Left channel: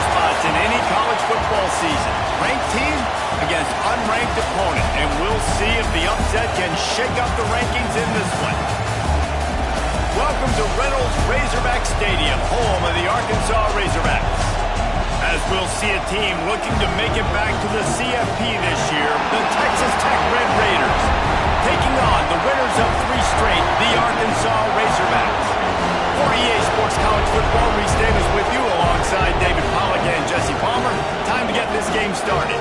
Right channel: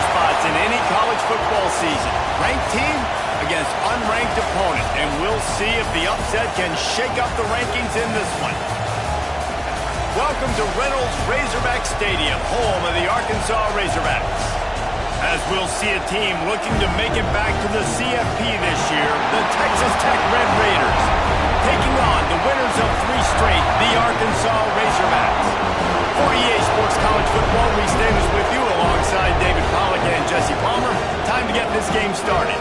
roster spots in any college football season. Ranked team against unranked opponent, and we'll see if the upset can shake up the rankings in this one. Welcome to Reynolds Razorback Stadium, home of the Arkansas Razorbacks. As we'll see a team looking to make it back to the CFP this year, the Texas Tech Red Raiders, taking on the winners of 3 straight, the Arkansas Razorbacks. For EA Sports College Football, Reese Davis with you alongside David Pollack and Jesse Palmer. Time to get this game started.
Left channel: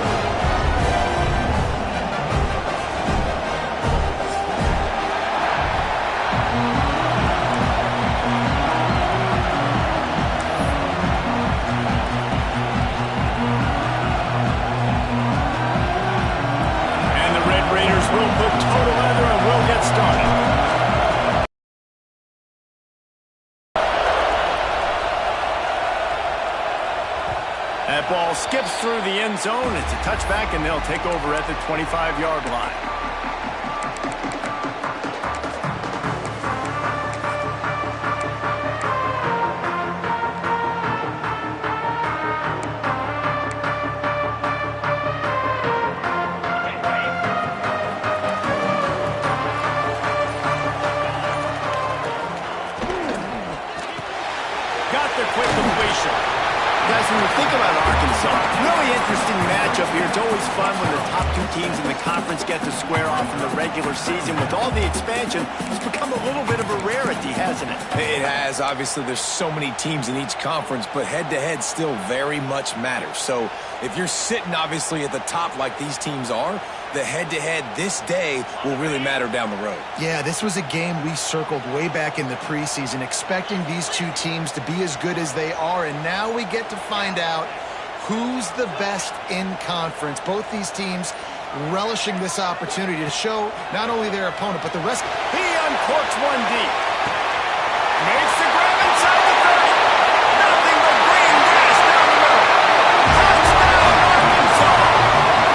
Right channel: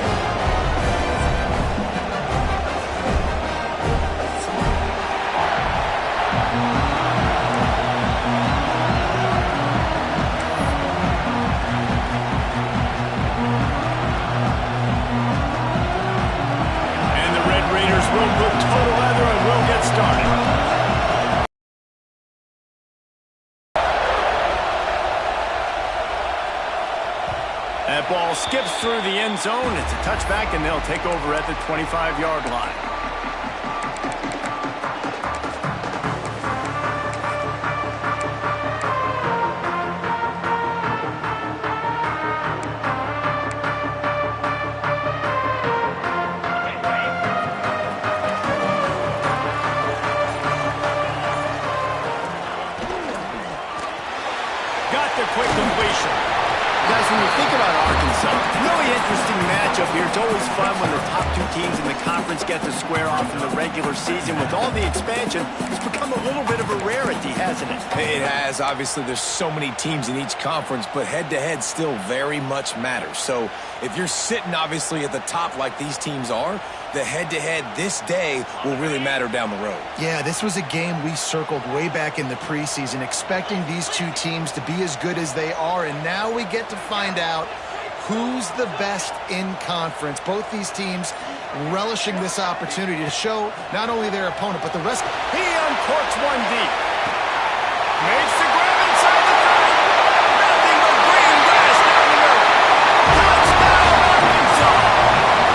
We'll put total leather and we'll get started. That ball skips through the end zone. It's a touchback, and they'll take over at the 25-yard line. Quick completion. Guys, when you think about Arkansas, really interesting matchup here. It's always fun when the top 2 teams in the conference get to square off in the regular season. With all the expansion, it's become a little bit of a rarity, hasn't it? It has. Obviously, there's so many teams in each conference, but head-to-head still very much matters. So if you're sitting, obviously, at the top like these teams are, the head-to-head this day will really matter down the road. Yeah, this was a game we circled way back in the preseason, expecting these 2 teams to be as good as they are, and now we get to find out who's the best in conference. Both these teams relishing this opportunity to show not only their opponent, but the rest. He uncorks one deep. Makes the grab inside the 30. Nothing but green grass down the middle. Touchdown, Arkansas!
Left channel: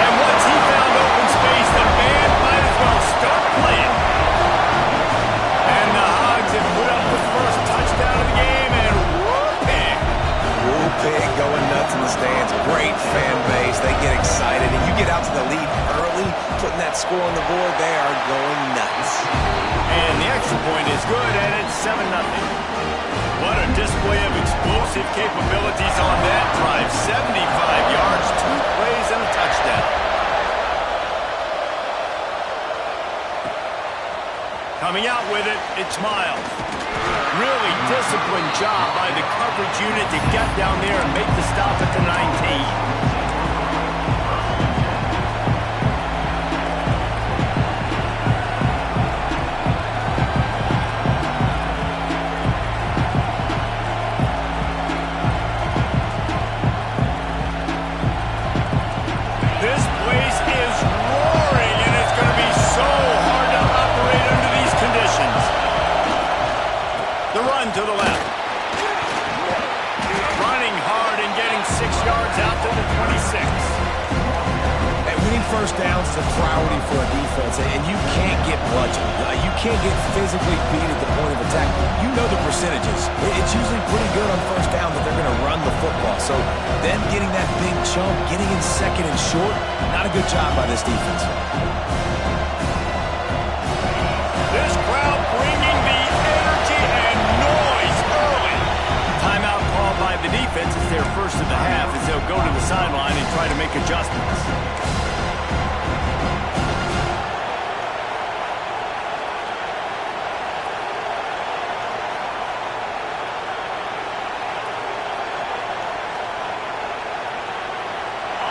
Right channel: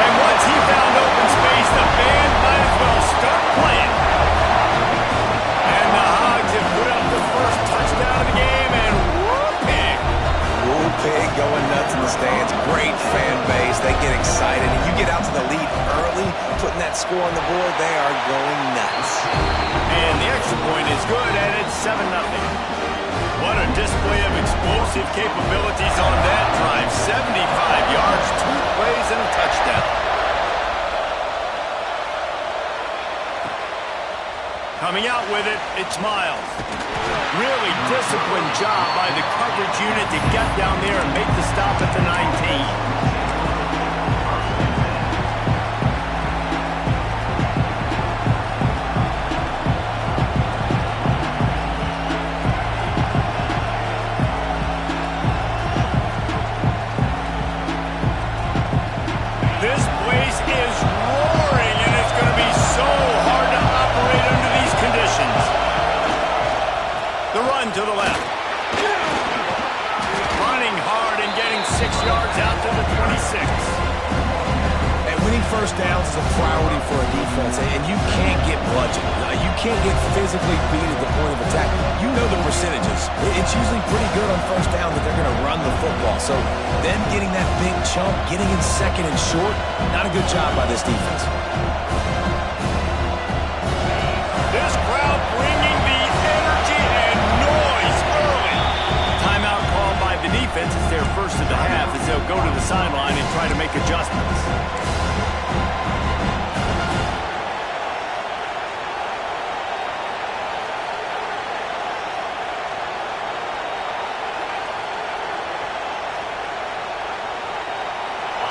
And once he found open space, the band might as well start playing. And the Hogs have put up the first touchdown of the game, and whoop-pig. Whoop-pig going nuts in the stands. Great fan base. They get excited, and you get out to the lead early, putting that score on the board, they are going nuts. And the extra point is good, and it's 7-0. What a display of explosive capabilities on that drive. 75 yards, 2 plays, and a touchdown. Coming out with it, it's Miles. Really disciplined job by the coverage unit to get down there and make the stop at the 19. This place is roaring, and it's going to be so hard to operate under these conditions. The run to the left. Running hard and getting 6 yards out to the 26. And winning first downs is a priority for a defense, and you can't get bludgeoned. You can't get physically beat at the point of attack. You know the percentages. It's usually pretty good on first down that they're going to run the football. So then getting that big chunk, getting in second and short, not a good job by this defense. This crowd bringing the energy and noise early. Timeout called by the defense. It's their first of the half as they'll go to the sideline and try to make adjustments.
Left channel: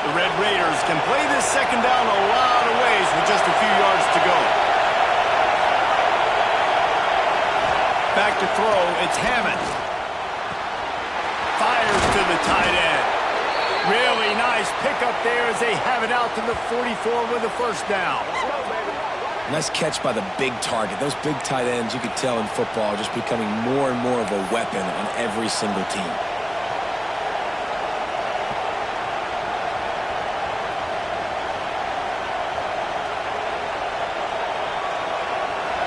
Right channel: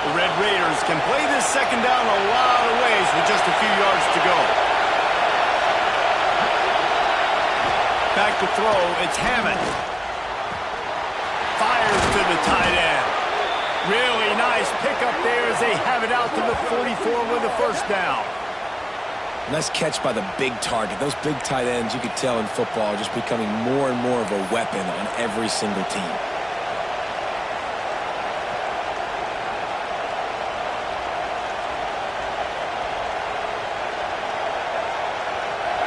The Red Raiders can play this second down a lot of ways with just a few yards to go. Back to throw, it's Hammond. Fires to the tight end. Really nice pickup there as they have it out to the 44 with a first down. Nice catch by the big target. Those big tight ends, you could tell in football, are just becoming more and more of a weapon on every single team.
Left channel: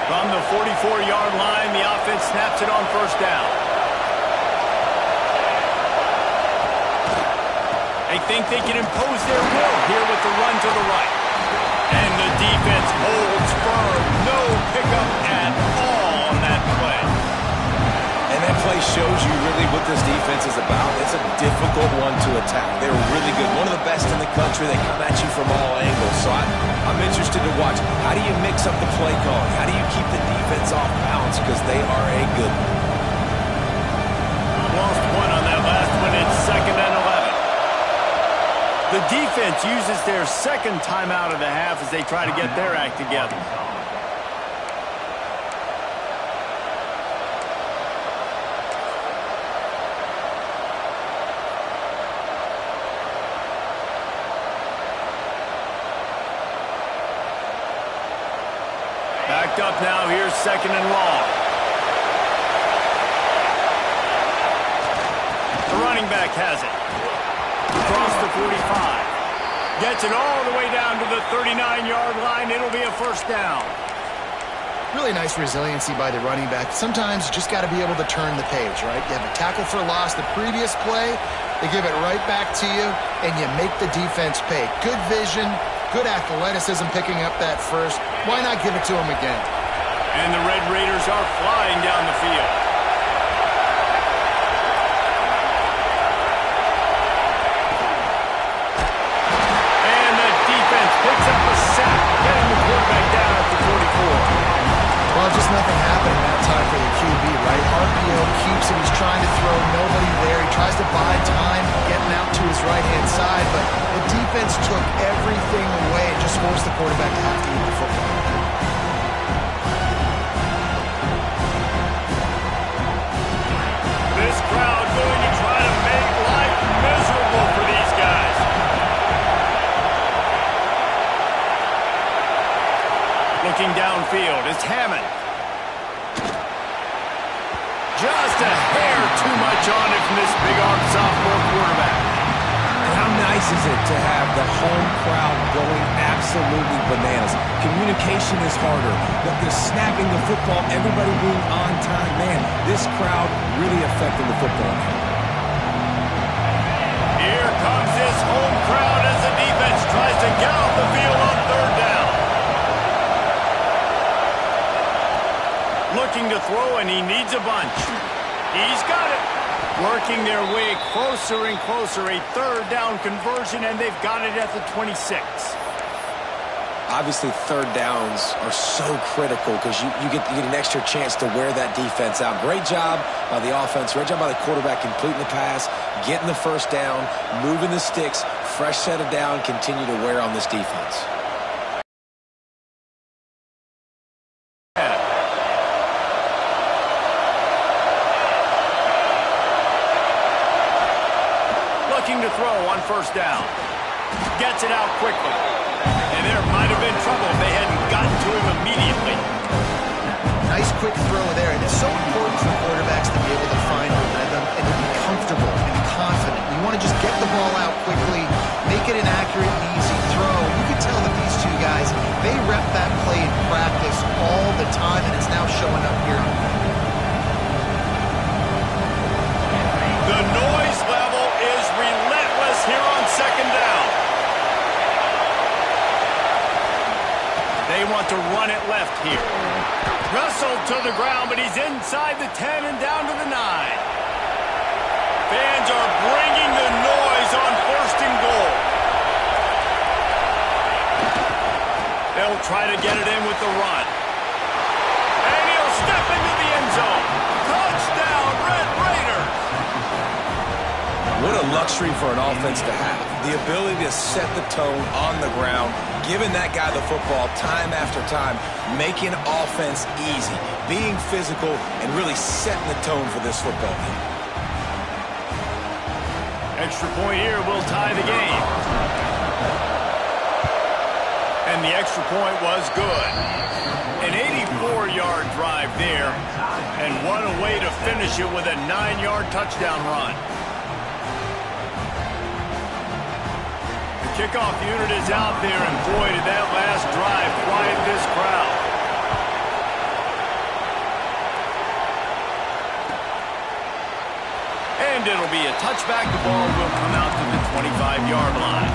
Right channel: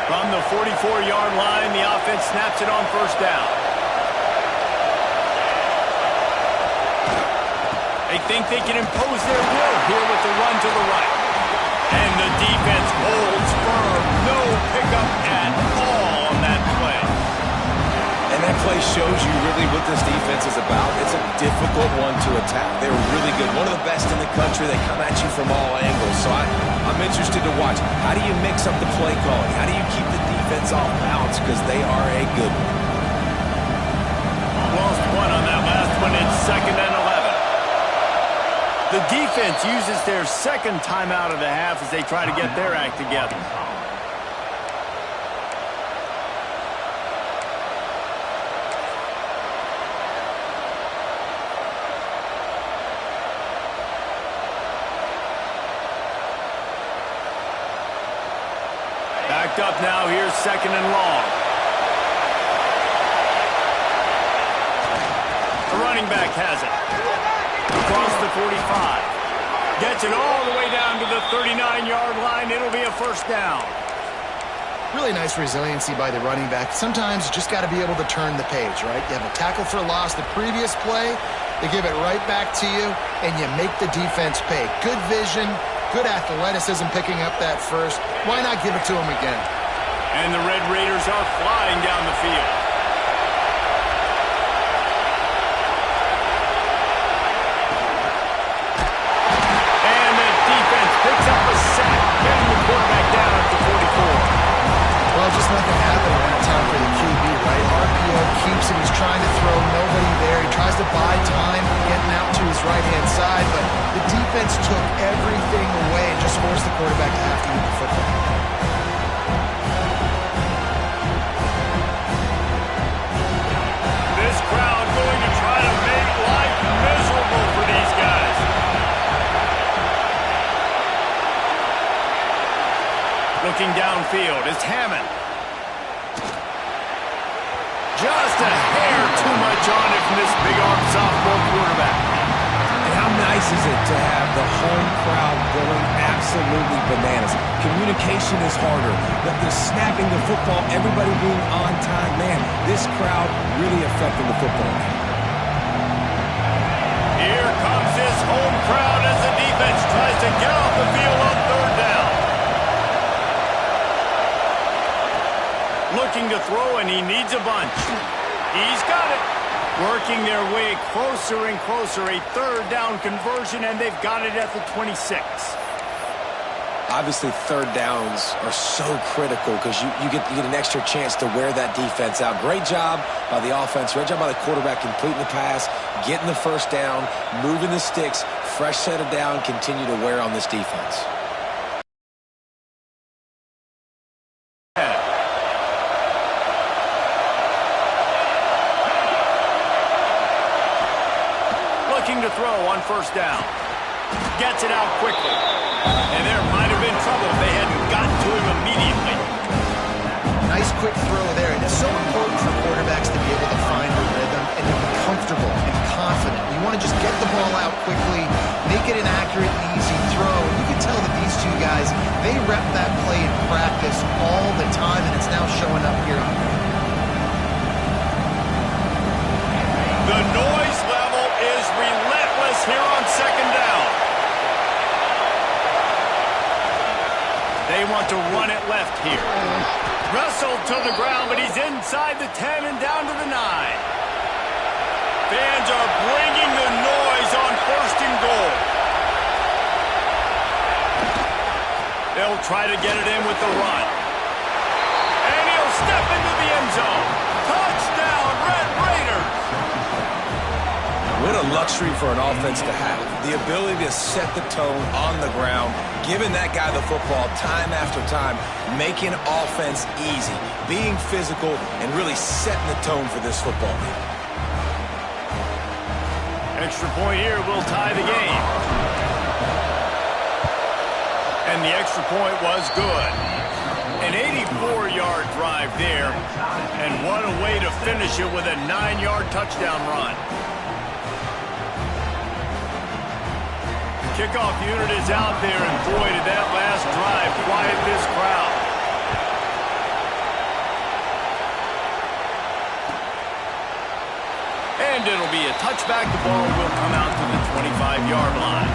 From the 44-yard line, the offense snaps it on first down. They think they can impose their will here with the run to the right. And the defense holds firm. No pickup at all on that play. And that play shows you really what this defense is about. It's a difficult one to attack. They're really good. One of the best in the country. They come at you from all angles. So I'm interested to watch. How do you mix up the play calling? How do you keep the defense off balance? Because they are a good one. Lost one on that last one. It's 2nd and 11. The defense uses their second timeout of the half as they try to get their act together. Backed up now. Here's 2nd and long. The running back has it. Across the 45. Gets it all the way down to the 39-yard line. It'll be a first down. Really nice resiliency by the running back. Sometimes you just got to be able to turn the page, right? You have a tackle for loss the previous play. They give it right back to you, and you make the defense pay. Good vision, good athleticism picking up that first. Why not give it to them again? And the Red Raiders are flying down the field. And the defense picks up a sack, getting the quarterback down at the 44. Well, just nothing happening that time for the QB, right? RPO keeps it. He's trying to throw. Nobody there. He tries to buy time, getting out to his right-hand side, but the defense took everything away and just forced the quarterback to have to eat the football. This crowd going to try to make life miserable for these guys. Looking downfield, it's Hammond. Just a hair too much on it from this big-arm sophomore quarterback. And how nice is it to have the home crowd going absolutely bananas? Communication is harder. The snapping the football, everybody being on time. Man, this crowd really affecting the football game. Here comes his home crowd as the defense tries to get off the field on 3rd down. Looking to throw, and he needs a bunch. He's got it. Working their way closer and closer. A 3rd down conversion, and they've got it at the 26. Obviously, 3rd downs are so critical because you get an extra chance to wear that defense out. Great job by the offense. Great job by the quarterback completing the pass, getting the 1st down, moving the sticks, fresh set of down, continue to wear on this defense. Looking to throw on 1st down. Gets it out quickly. And there might have been trouble if they hadn't gotten to him immediately. Nice quick throw there. And it's so important for quarterbacks to be able to find a rhythm and to be comfortable and confident. You want to just get the ball out quickly, make it an accurate and easy throw. And you can tell that these two guys, they rep that play in practice all the time, and it's now showing up here on film. The noise level is relentless here on 2nd down. They want to run it left here. Wrestled to the ground, but he's inside the 10 and down to the 9. Fans are bringing the noise on 1st and goal. They'll try to get it in with the run. And he'll step into the end zone. Touchdown, Red Raiders! What a luxury for an offense to have. The ability to set the tone on the ground, giving that guy the football time after time, making offense easy, being physical, and really setting the tone for this football game. Extra point here will tie the game. And the extra point was good. An 84-yard drive there. And what a way to finish it with a 9-yard touchdown run. The kickoff unit is out there, and boy, did that last drive quiet this crowd. And it'll be a touchback. The ball will come out to the 20. 25-yard line.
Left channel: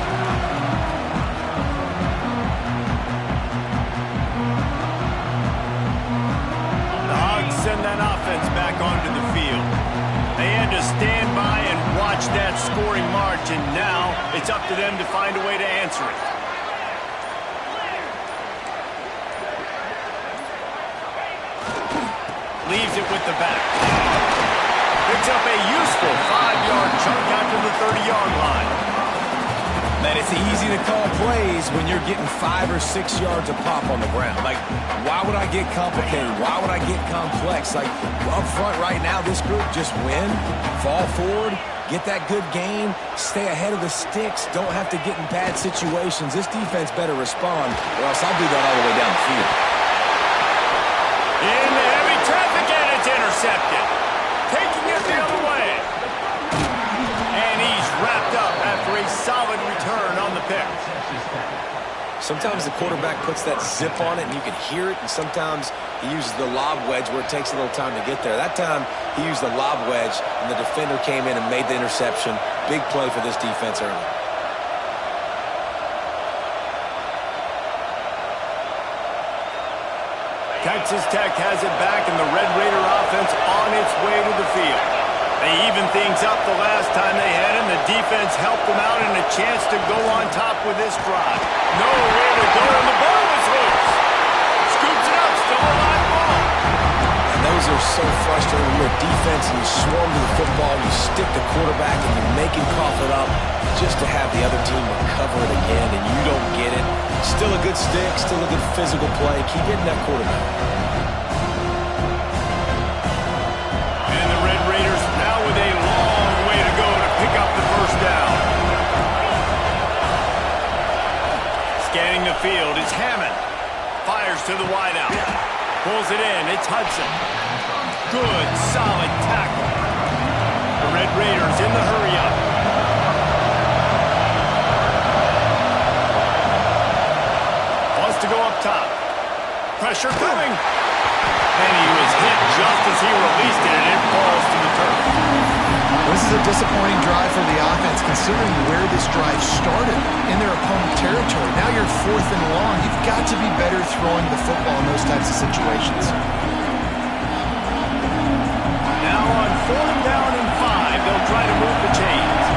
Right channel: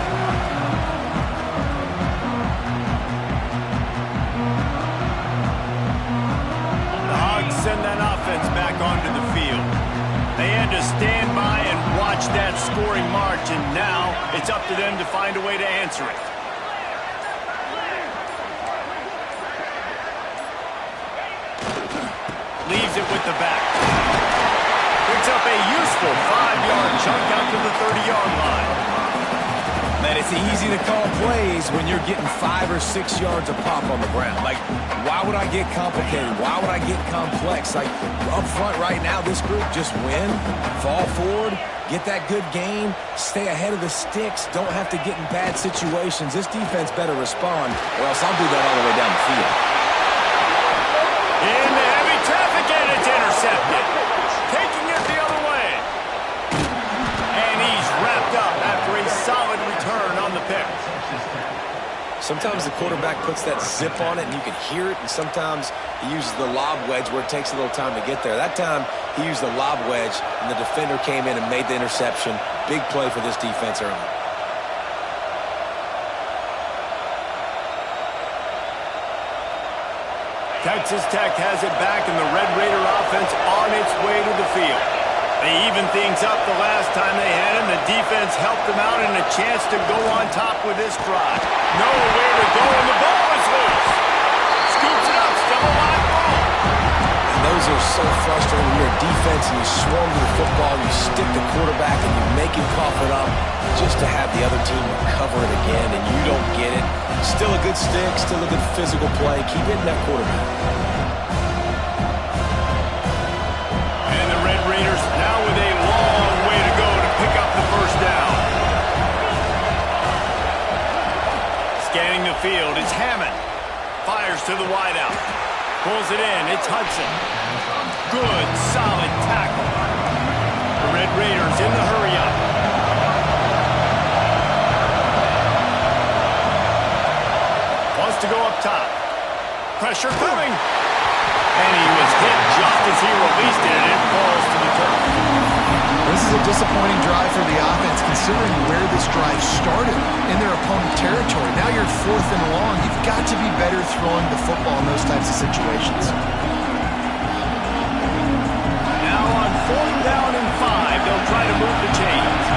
The Hogs send that offense back onto the field. They had to stand by and watch that scoring march, and now it's up to them to find a way to answer it. Leaves it with the back. Picks up a useful 5-yard chunk out to the 30-yard line. Man, it's easy to call plays when you're getting 5 or 6 yards a pop on the ground. Like, why would I get complicated? Why would I get complex? Like, up front right now, this group just win, fall forward, get that good gain, stay ahead of the sticks, don't have to get in bad situations. This defense better respond, or else I'll do that all the way down the field. In the heavy traffic, and it's intercepted. Taking it the other way. And he's wrapped up after a solid return on the pick. Sometimes the quarterback puts that zip on it and you can hear it, and sometimes he uses the lob wedge where it takes a little time to get there. That time he used the lob wedge and the defender came in and made the interception. Big play for this defense early. Texas Tech has it back, and the Red Raider offense on its way to the field. They evened things up the last time they had him. The defense helped them out, and a chance to go on top with this drive. Nowhere to go, and the ball is loose. Scoops it up, still a live ball. And those are so frustrating when you're a defense and you swarm to the football, you stick the quarterback, and you make him cough it up just to have the other team recover it again, and you don't get it. Still a good stick, still a good physical play. Keep hitting that quarterback. And the Red Raiders now with a long way to go to pick up the first down. Scanning the field, it's Hammond. Fires to the wideout. Pulls it in, it's Hudson. Good, solid tackle. The Red Raiders in the hurry-up. Wants to go up top. Pressure coming. And he was hit just as he released it, and it falls to the turf. This is a disappointing drive for the offense, considering where this drive started in their opponent territory. Now you're 4th and long. You've got to be better throwing the football in those types of situations. Now on 4th down and 5, they'll try to move the chains.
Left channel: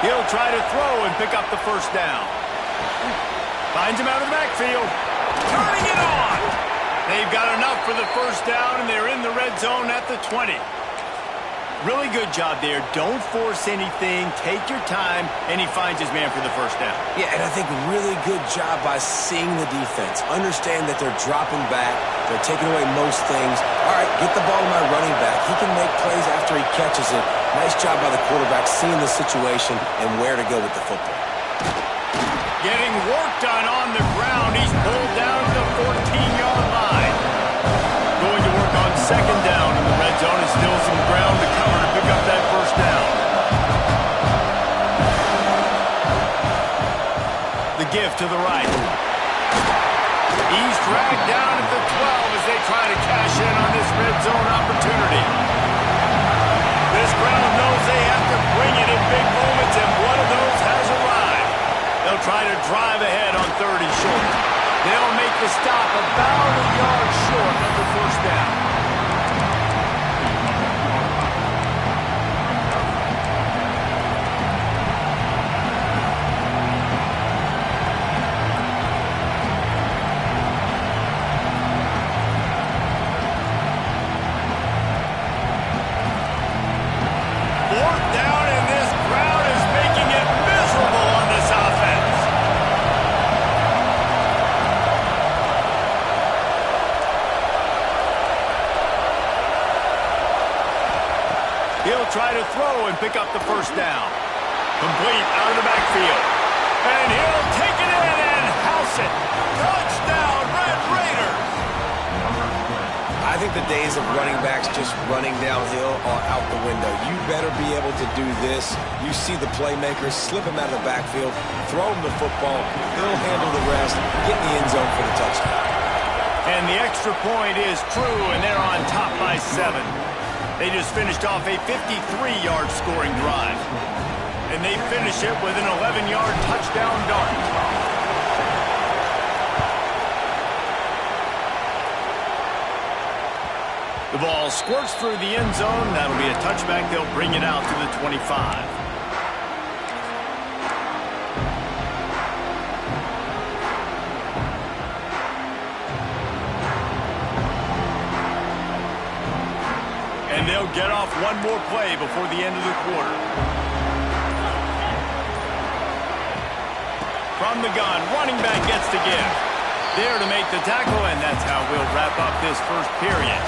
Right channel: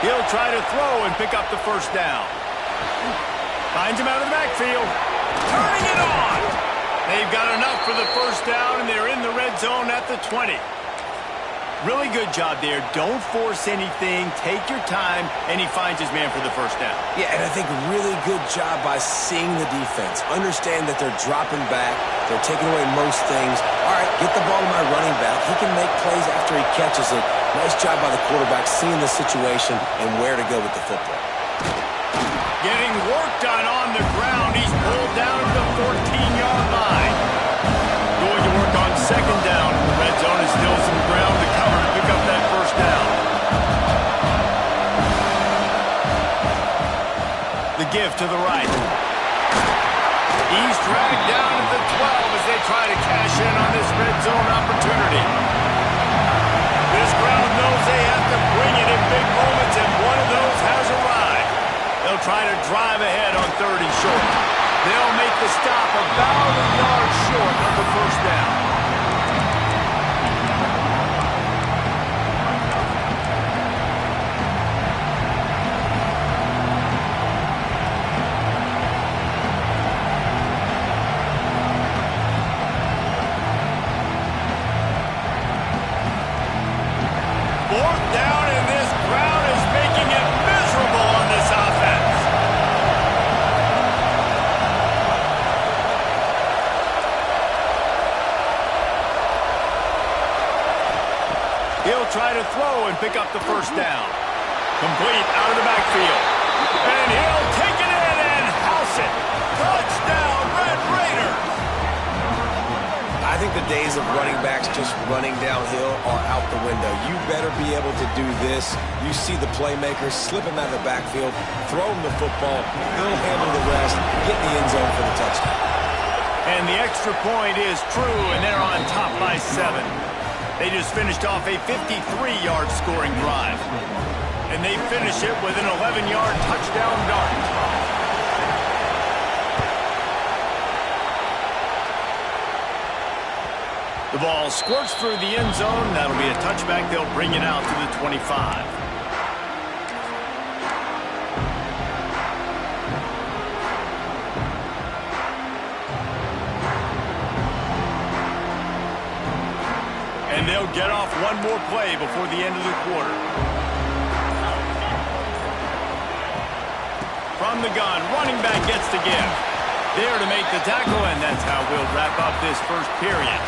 He'll try to throw and pick up the first down. Finds him out of the backfield. Turning it on. They've got enough for the first down, and they're in the red zone at the 20. Really good job there. Don't force anything. Take your time, and he finds his man for the first down. Yeah, and I think really good job by seeing the defense. Understand that they're dropping back. They're taking away most things. All right, get the ball to my running back. He can make plays after he catches it. Nice job by the quarterback seeing the situation and where to go with the football. Getting work done on the ground. He's pulled down to the 14-yard line. Going to work on second down in the red zone, and still some ground to cover to pick up that first down. The give to the right. He's dragged down at the 12 as they try to cash in on this red zone opportunity. This crowd knows they have to bring it in big moments, and one of those has arrived. They'll try to drive ahead on 3rd and short. They'll make the stop about a yard short of the first down. Fourth down, and this crowd is making it miserable on this offense. He'll try to throw and pick up the first down. Complete out of the backfield. And he'll take it in and house it. Touchdown, Red Raiders. I I think the days of running backs just running downhill are out the window. You better be able to do this. You see the playmakers, slip him out of the backfield, throw him the football, he'll handle the rest, get in the end zone for the touchdown. And the extra point is true, and they're on top by 7. They just finished off a 53-yard scoring drive. And they finish it with an 11-yard touchdown dart. The ball squirts through the end zone. That'll be a touchback. They'll bring it out to the 25. And they'll get off one more play before the end of the quarter. From the gun, running back gets the give. There to make the tackle, and that's how we'll wrap up this first period.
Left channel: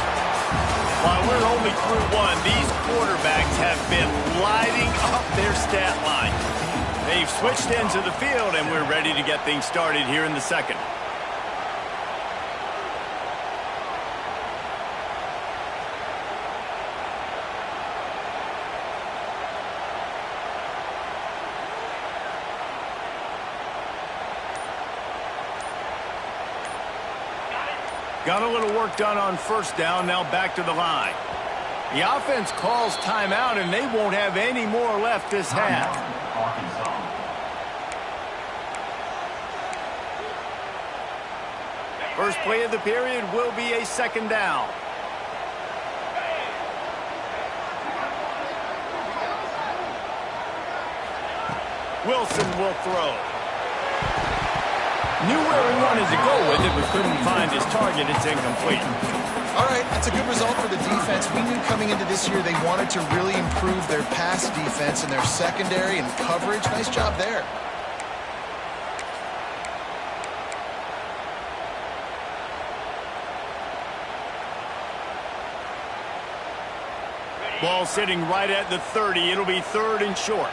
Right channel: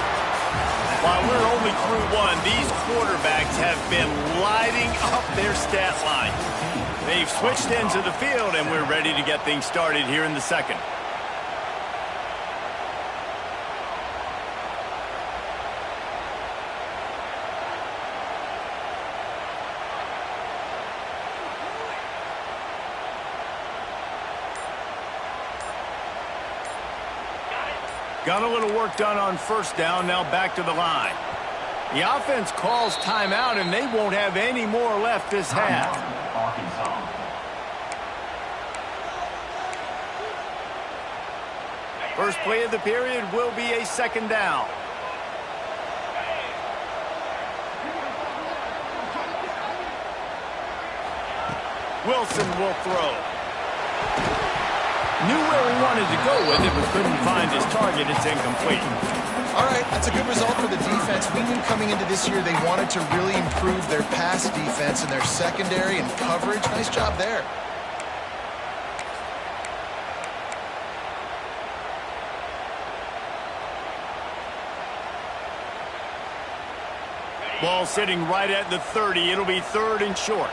While we're only through one, these quarterbacks have been lighting up their stat line. They've switched ends of the field, and we're ready to get things started here in the second. Got a little work done on first down, now back to the line. The offense calls timeout, and they won't have any more left this half. First play of the period will be a second down. Wilson will throw. Knew where he wanted to go with it, but couldn't find his target. It's incomplete. All right, that's a good result for the defense. We knew coming into this year they wanted to really improve their pass defense and their secondary and coverage. Nice job there. Ball sitting right at the 30. It'll be 3rd and short.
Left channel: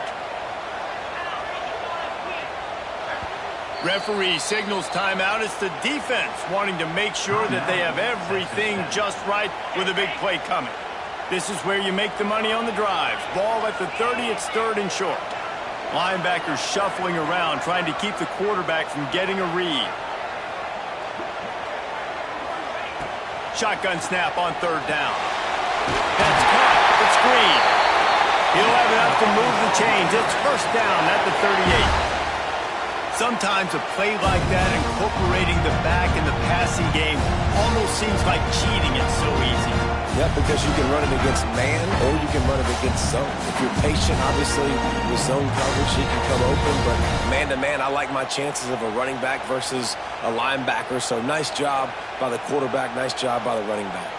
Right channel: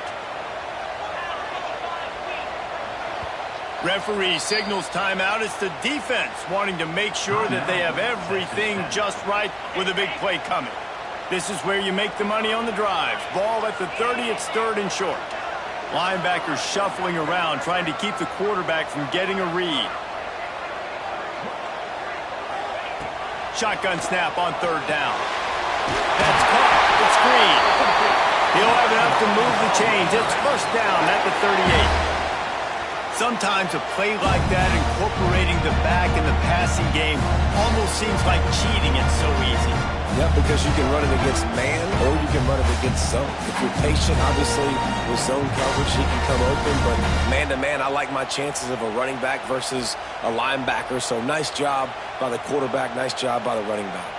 Referee signals timeout. It's the defense wanting to make sure that they have everything just right with a big play coming. This is where you make the money on the drives. Ball at the 30. It's 3rd and short. Linebackers shuffling around, trying to keep the quarterback from getting a read. Shotgun snap on 3rd down. That's caught. It's Green. He'll have enough to move the chains. It's 1st down at the 38. Sometimes a play like that, incorporating the back in the passing game, almost seems like cheating. It's so easy. Yep, because you can run it against man or you can run it against zone. If you're patient, obviously, with zone coverage, he can come open. But man-to-man, I like my chances of a running back versus a linebacker. So nice job by the quarterback, nice job by the running back.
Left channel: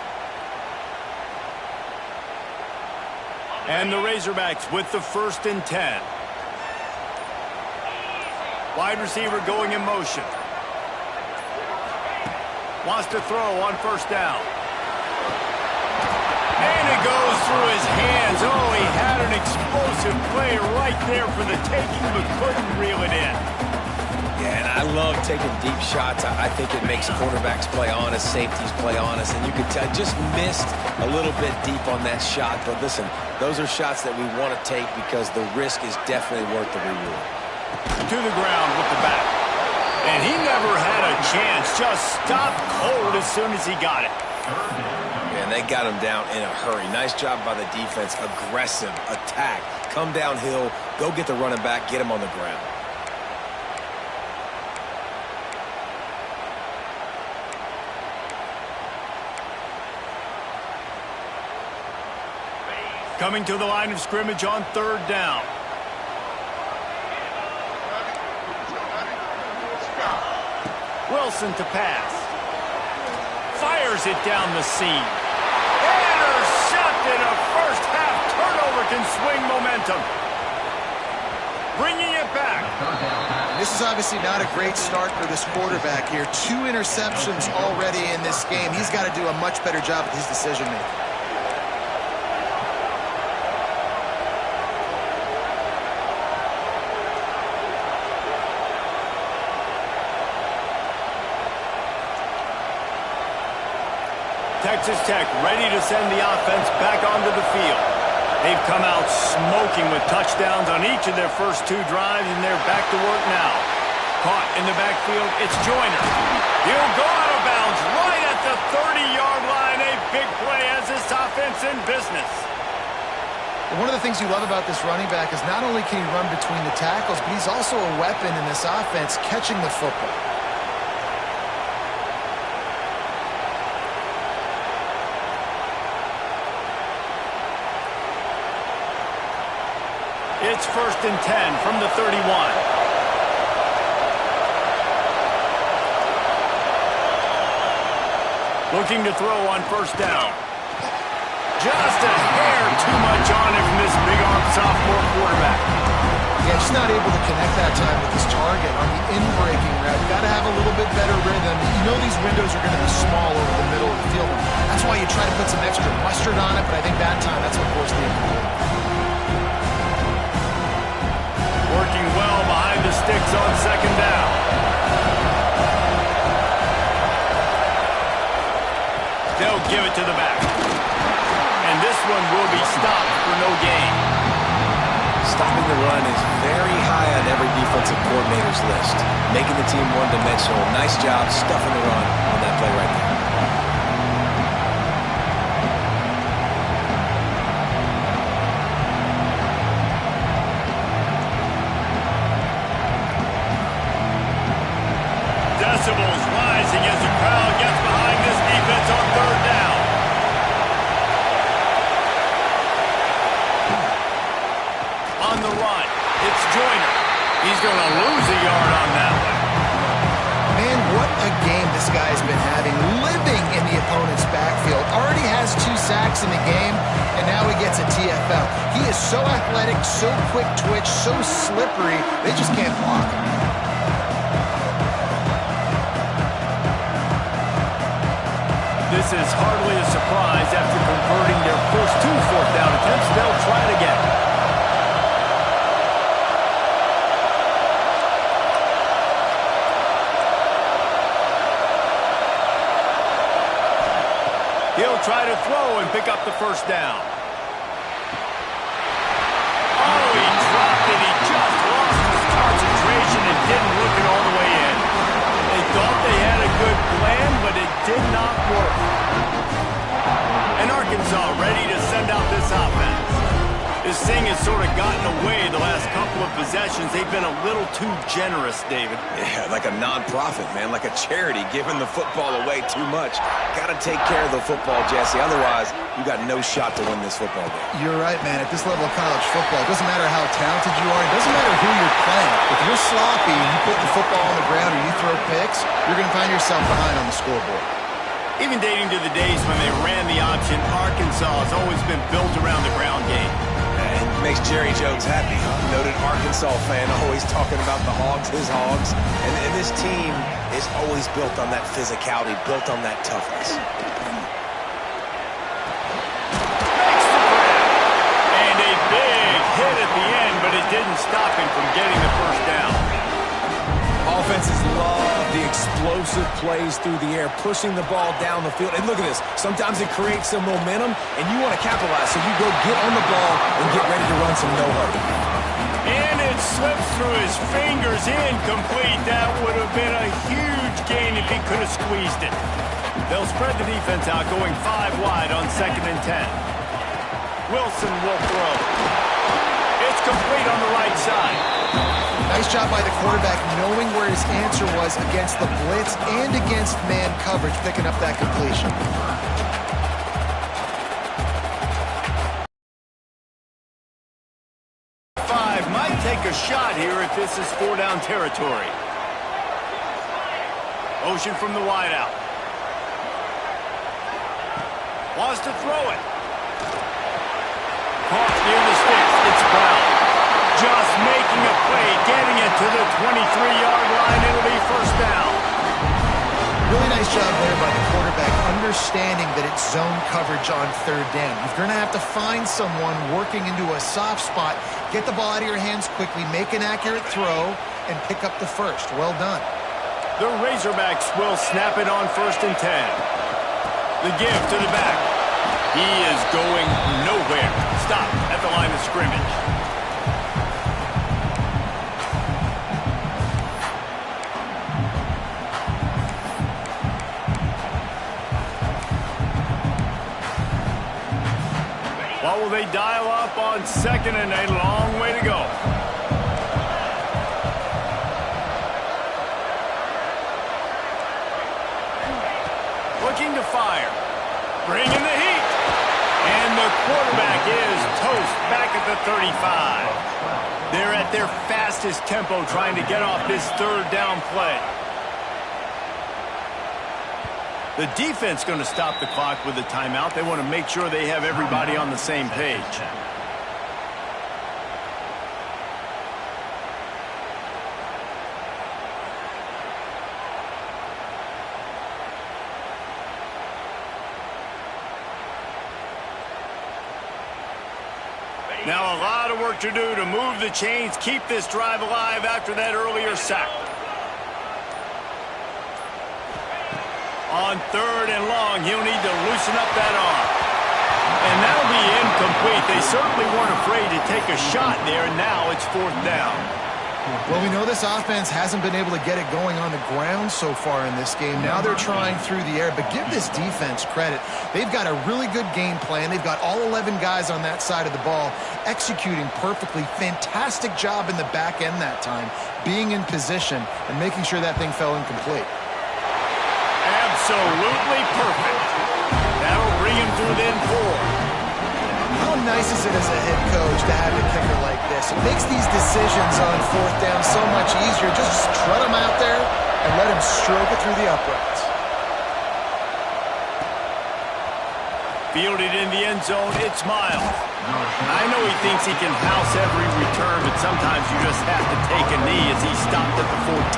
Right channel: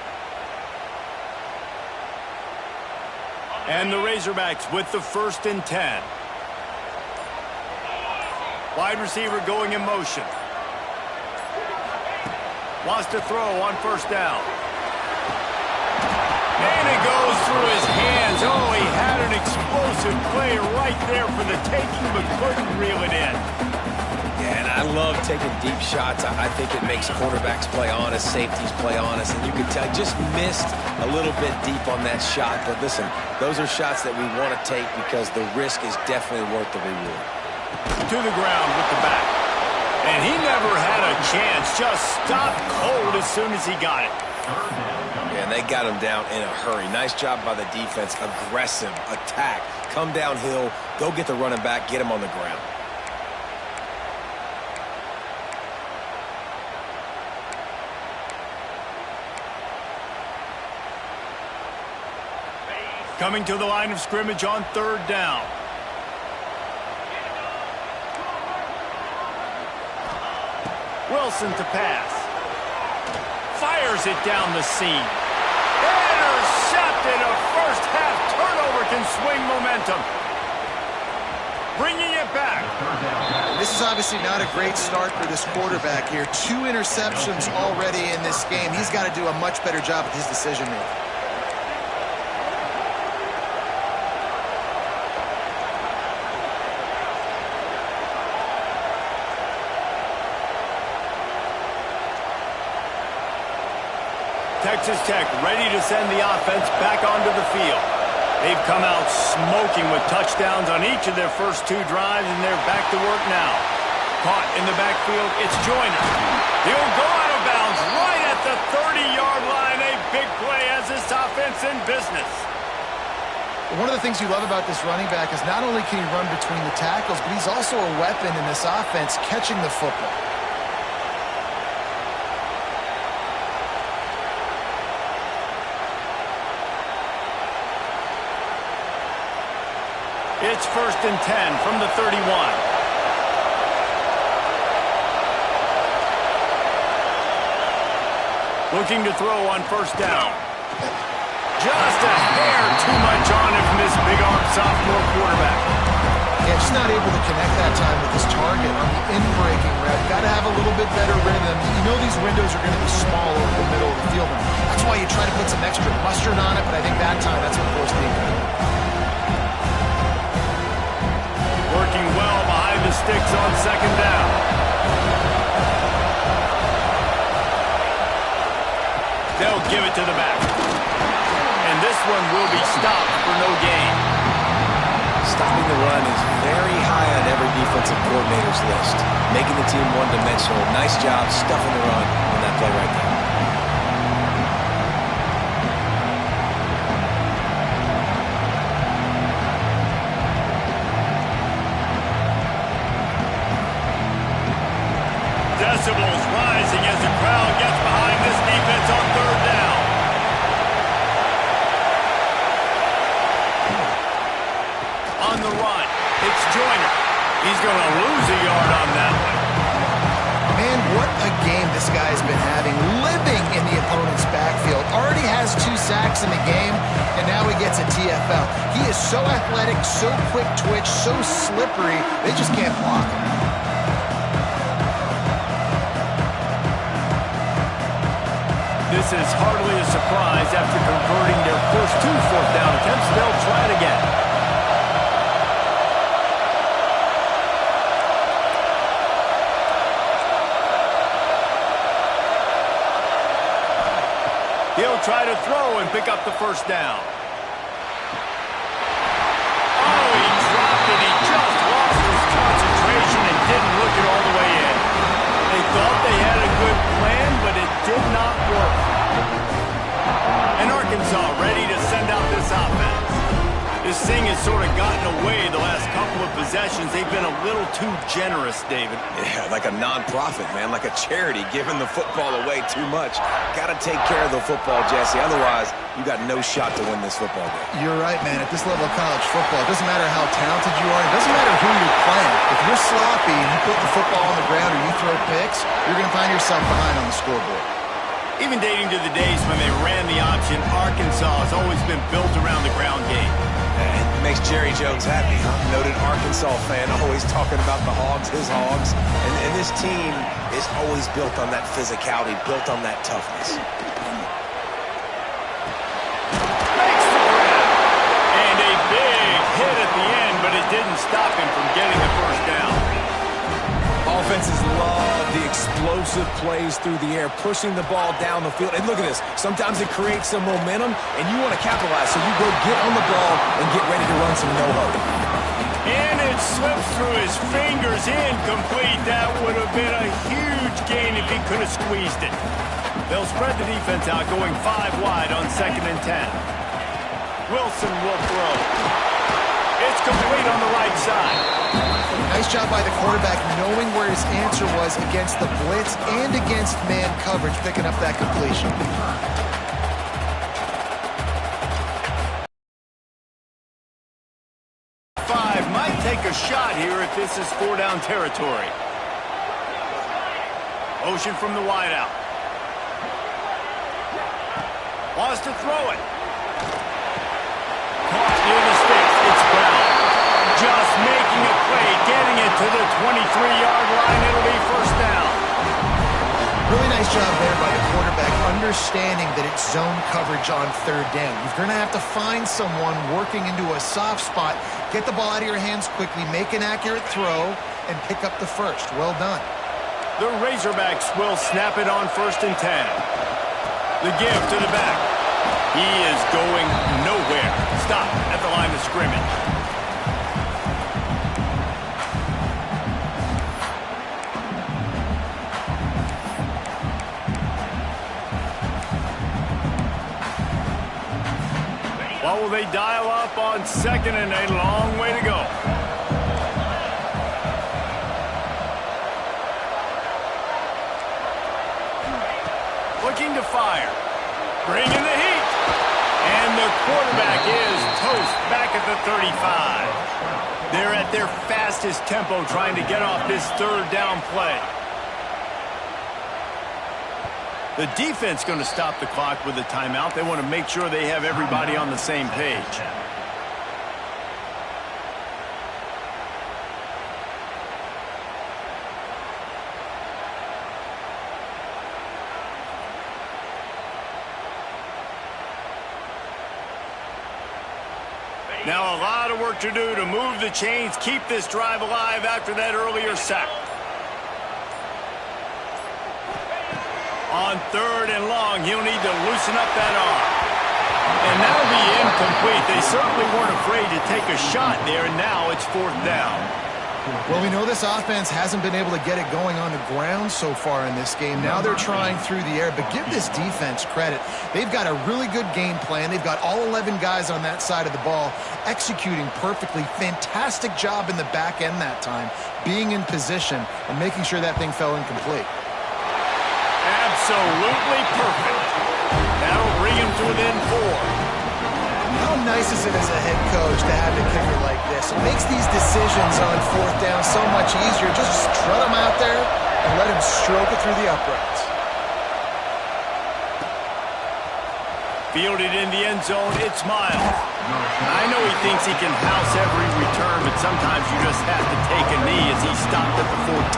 And the Razorbacks with the 1st and 10. Wide receiver going in motion. Wants to throw on 1st down. And it goes through his hands. Oh, he had an explosive play right there for the taking, but couldn't reel it in. Yeah, and I love taking deep shots. I think it makes quarterbacks play honest, safeties play honest, and you can tell just missed a little bit deep on that shot. But listen, those are shots that we want to take because the risk is definitely worth the reward. To the ground with the back. And he never had a chance. Just stopped cold as soon as he got it. Yeah, and they got him down in a hurry. Nice job by the defense. Aggressive attack. Come downhill. Go get the running back. Get him on the ground. Coming to the line of scrimmage on 3rd down. Wilson to pass. Fires it down the seam. Intercepted. A first-half turnover can swing momentum. Bringing it back. This is obviously not a great start for this quarterback here. 2 interceptions already in this game. He's got to do a much better job with his decision-making. Texas Tech ready to send the offense back onto the field. They've come out smoking with touchdowns on each of their first 2 drives, and they're back to work now. Caught in the backfield, it's Joyner. He'll go out of bounds right at the 30-yard line. A big play has this offense in business. One of the things you love about this running back is not only can he run between the tackles, but he's also a weapon in this offense catching the football. It's 1st and 10 from the 31. Looking to throw on 1st down. Just a hair too much on it from this big-arm sophomore quarterback. Yeah, just not able to connect that time with his target on the in-breaking route. Got to have a little bit better rhythm. You know these windows are going to be small over the middle of the field, and that's why you try to put some extra mustard on it, but I think that time that's what forced the incomplete. Working well behind the sticks on 2nd down. They'll give it to the back. And this one will be stopped for no gain. Stopping the run is very high on every defensive coordinator's list. Making the team one-dimensional. Nice job stuffing the run on that play right there. Decibels rising as the crowd gets behind this defense on 3rd down. On the run, it's Joyner. He's going to lose a yard on that one. Man, what a game this guy's been having, living in the opponent's backfield. Already has 2 sacks in the game, and now he gets a TFL. He is so athletic, so quick twitch, so slippery, they just can't block him. This is hardly a surprise. After converting their first 2 4th down attempts, they'll try it again. He'll try to throw and pick up the 1st down. Oh, he dropped it. He just lost his concentration and didn't look it all the way in. They thought they had a good plan, but it did not work. And Arkansas ready to send out this offense. This thing has sort of gotten away the last couple of possessions. They've been a little too generous, David. Yeah, like a non-profit, man, like a charity, giving the football away too much. Got to take care of the football, Jesse. Otherwise, you got no shot to win this football game. You're right, man. At this level of college football, it doesn't matter how talented you are. It doesn't matter who you're playing. If you're sloppy and you put the football on the ground or you throw picks, you're going to find yourself behind on the scoreboard. Even dating to the days when they ran the option, Arkansas has always been built around the ground game. And makes Jerry Jones happy, huh? Noted Arkansas fan, always talking about the Hogs, his Hogs. And this team is always built on that physicality, built on that toughness. Makes the grab. And a big hit at the end, but it didn't stop him from getting the 1st down. Offenses love the explosive plays through the air, pushing the ball down the field. And look at this. Sometimes it creates some momentum, and you want to capitalize. So you go get on the ball and get ready to run some no-huddle. And it slips through his fingers, incomplete. That would have been a huge gain if he could have squeezed it. They'll spread the defense out, going 5 wide on 2nd and 10. Wilson will throw. It's complete on the right side. Nice job by the quarterback knowing where his answer was against the blitz and against man coverage, picking up that completion. Might take a shot here if this is 4-down territory. Motion from the wideout. Wants to throw it. Caught near the sticks. It's Brown. Just making a play, getting it to the 23-yard line. It'll be 1st down. Really nice job there by the quarterback, understanding that it's zone coverage on 3rd down. You're going to have to find someone working into a soft spot, get the ball out of your hands quickly, make an accurate throw, and pick up the 1st. Well done. The Razorbacks will snap it on 1st and 10. The give to the back. He is going nowhere. Stop at the line of scrimmage. What will they dial up on second and a long way to go? Looking to fire. Bringing the heat. And the quarterback is toast back at the 35. They're at their fastest tempo trying to get off this third down play. The defense going to stop the clock with a timeout. They want to make sure they have everybody on the same page. Now a lot of work to do to move the chains, keep this drive alive after that earlier sack. On third and long, he'll need to loosen up that arm. And that'll be incomplete. They certainly weren't afraid to take a shot there, and now it's fourth down. Well, we know this offense hasn't been able to get it going on the ground so far in this game. Now they're trying through the air, but give this defense credit. They've got a really good game plan. They've got all 11 guys on that side of the ball executing perfectly. Fantastic job in the back end that time, being in position and making sure that thing fell incomplete. Absolutely perfect. That'll bring him to within 4. How nice is it as a head coach to have a kicker like this? It makes these decisions on fourth down so much easier. Just trot him out there and let him stroke it through the uprights. Fielded in the end zone, it's Miles. I know he thinks he can house every return, but sometimes you just have to take a knee as he stopped at the 14.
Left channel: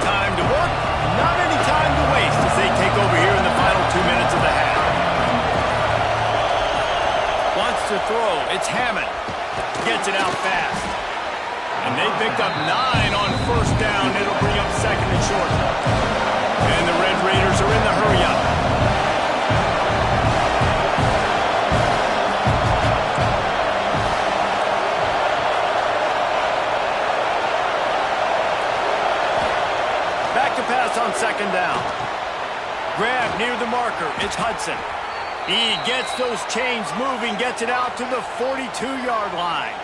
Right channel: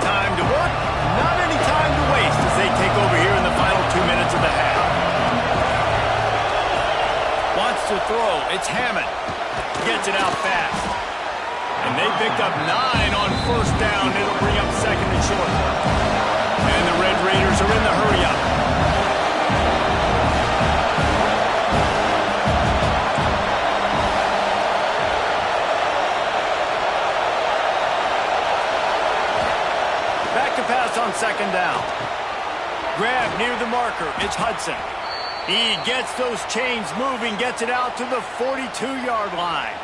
Time to work, not any time to waste as they take over here in the final 2 minutes of the half. Wants to throw, it's Hammond. Gets it out fast. And they picked up 9 on first down. It'll bring up second and short. And the Red Raiders are in the hurry-up. Back to pass on second down. Grab near the marker. It's Hudson. He gets those chains moving, gets it out to the 42-yard line.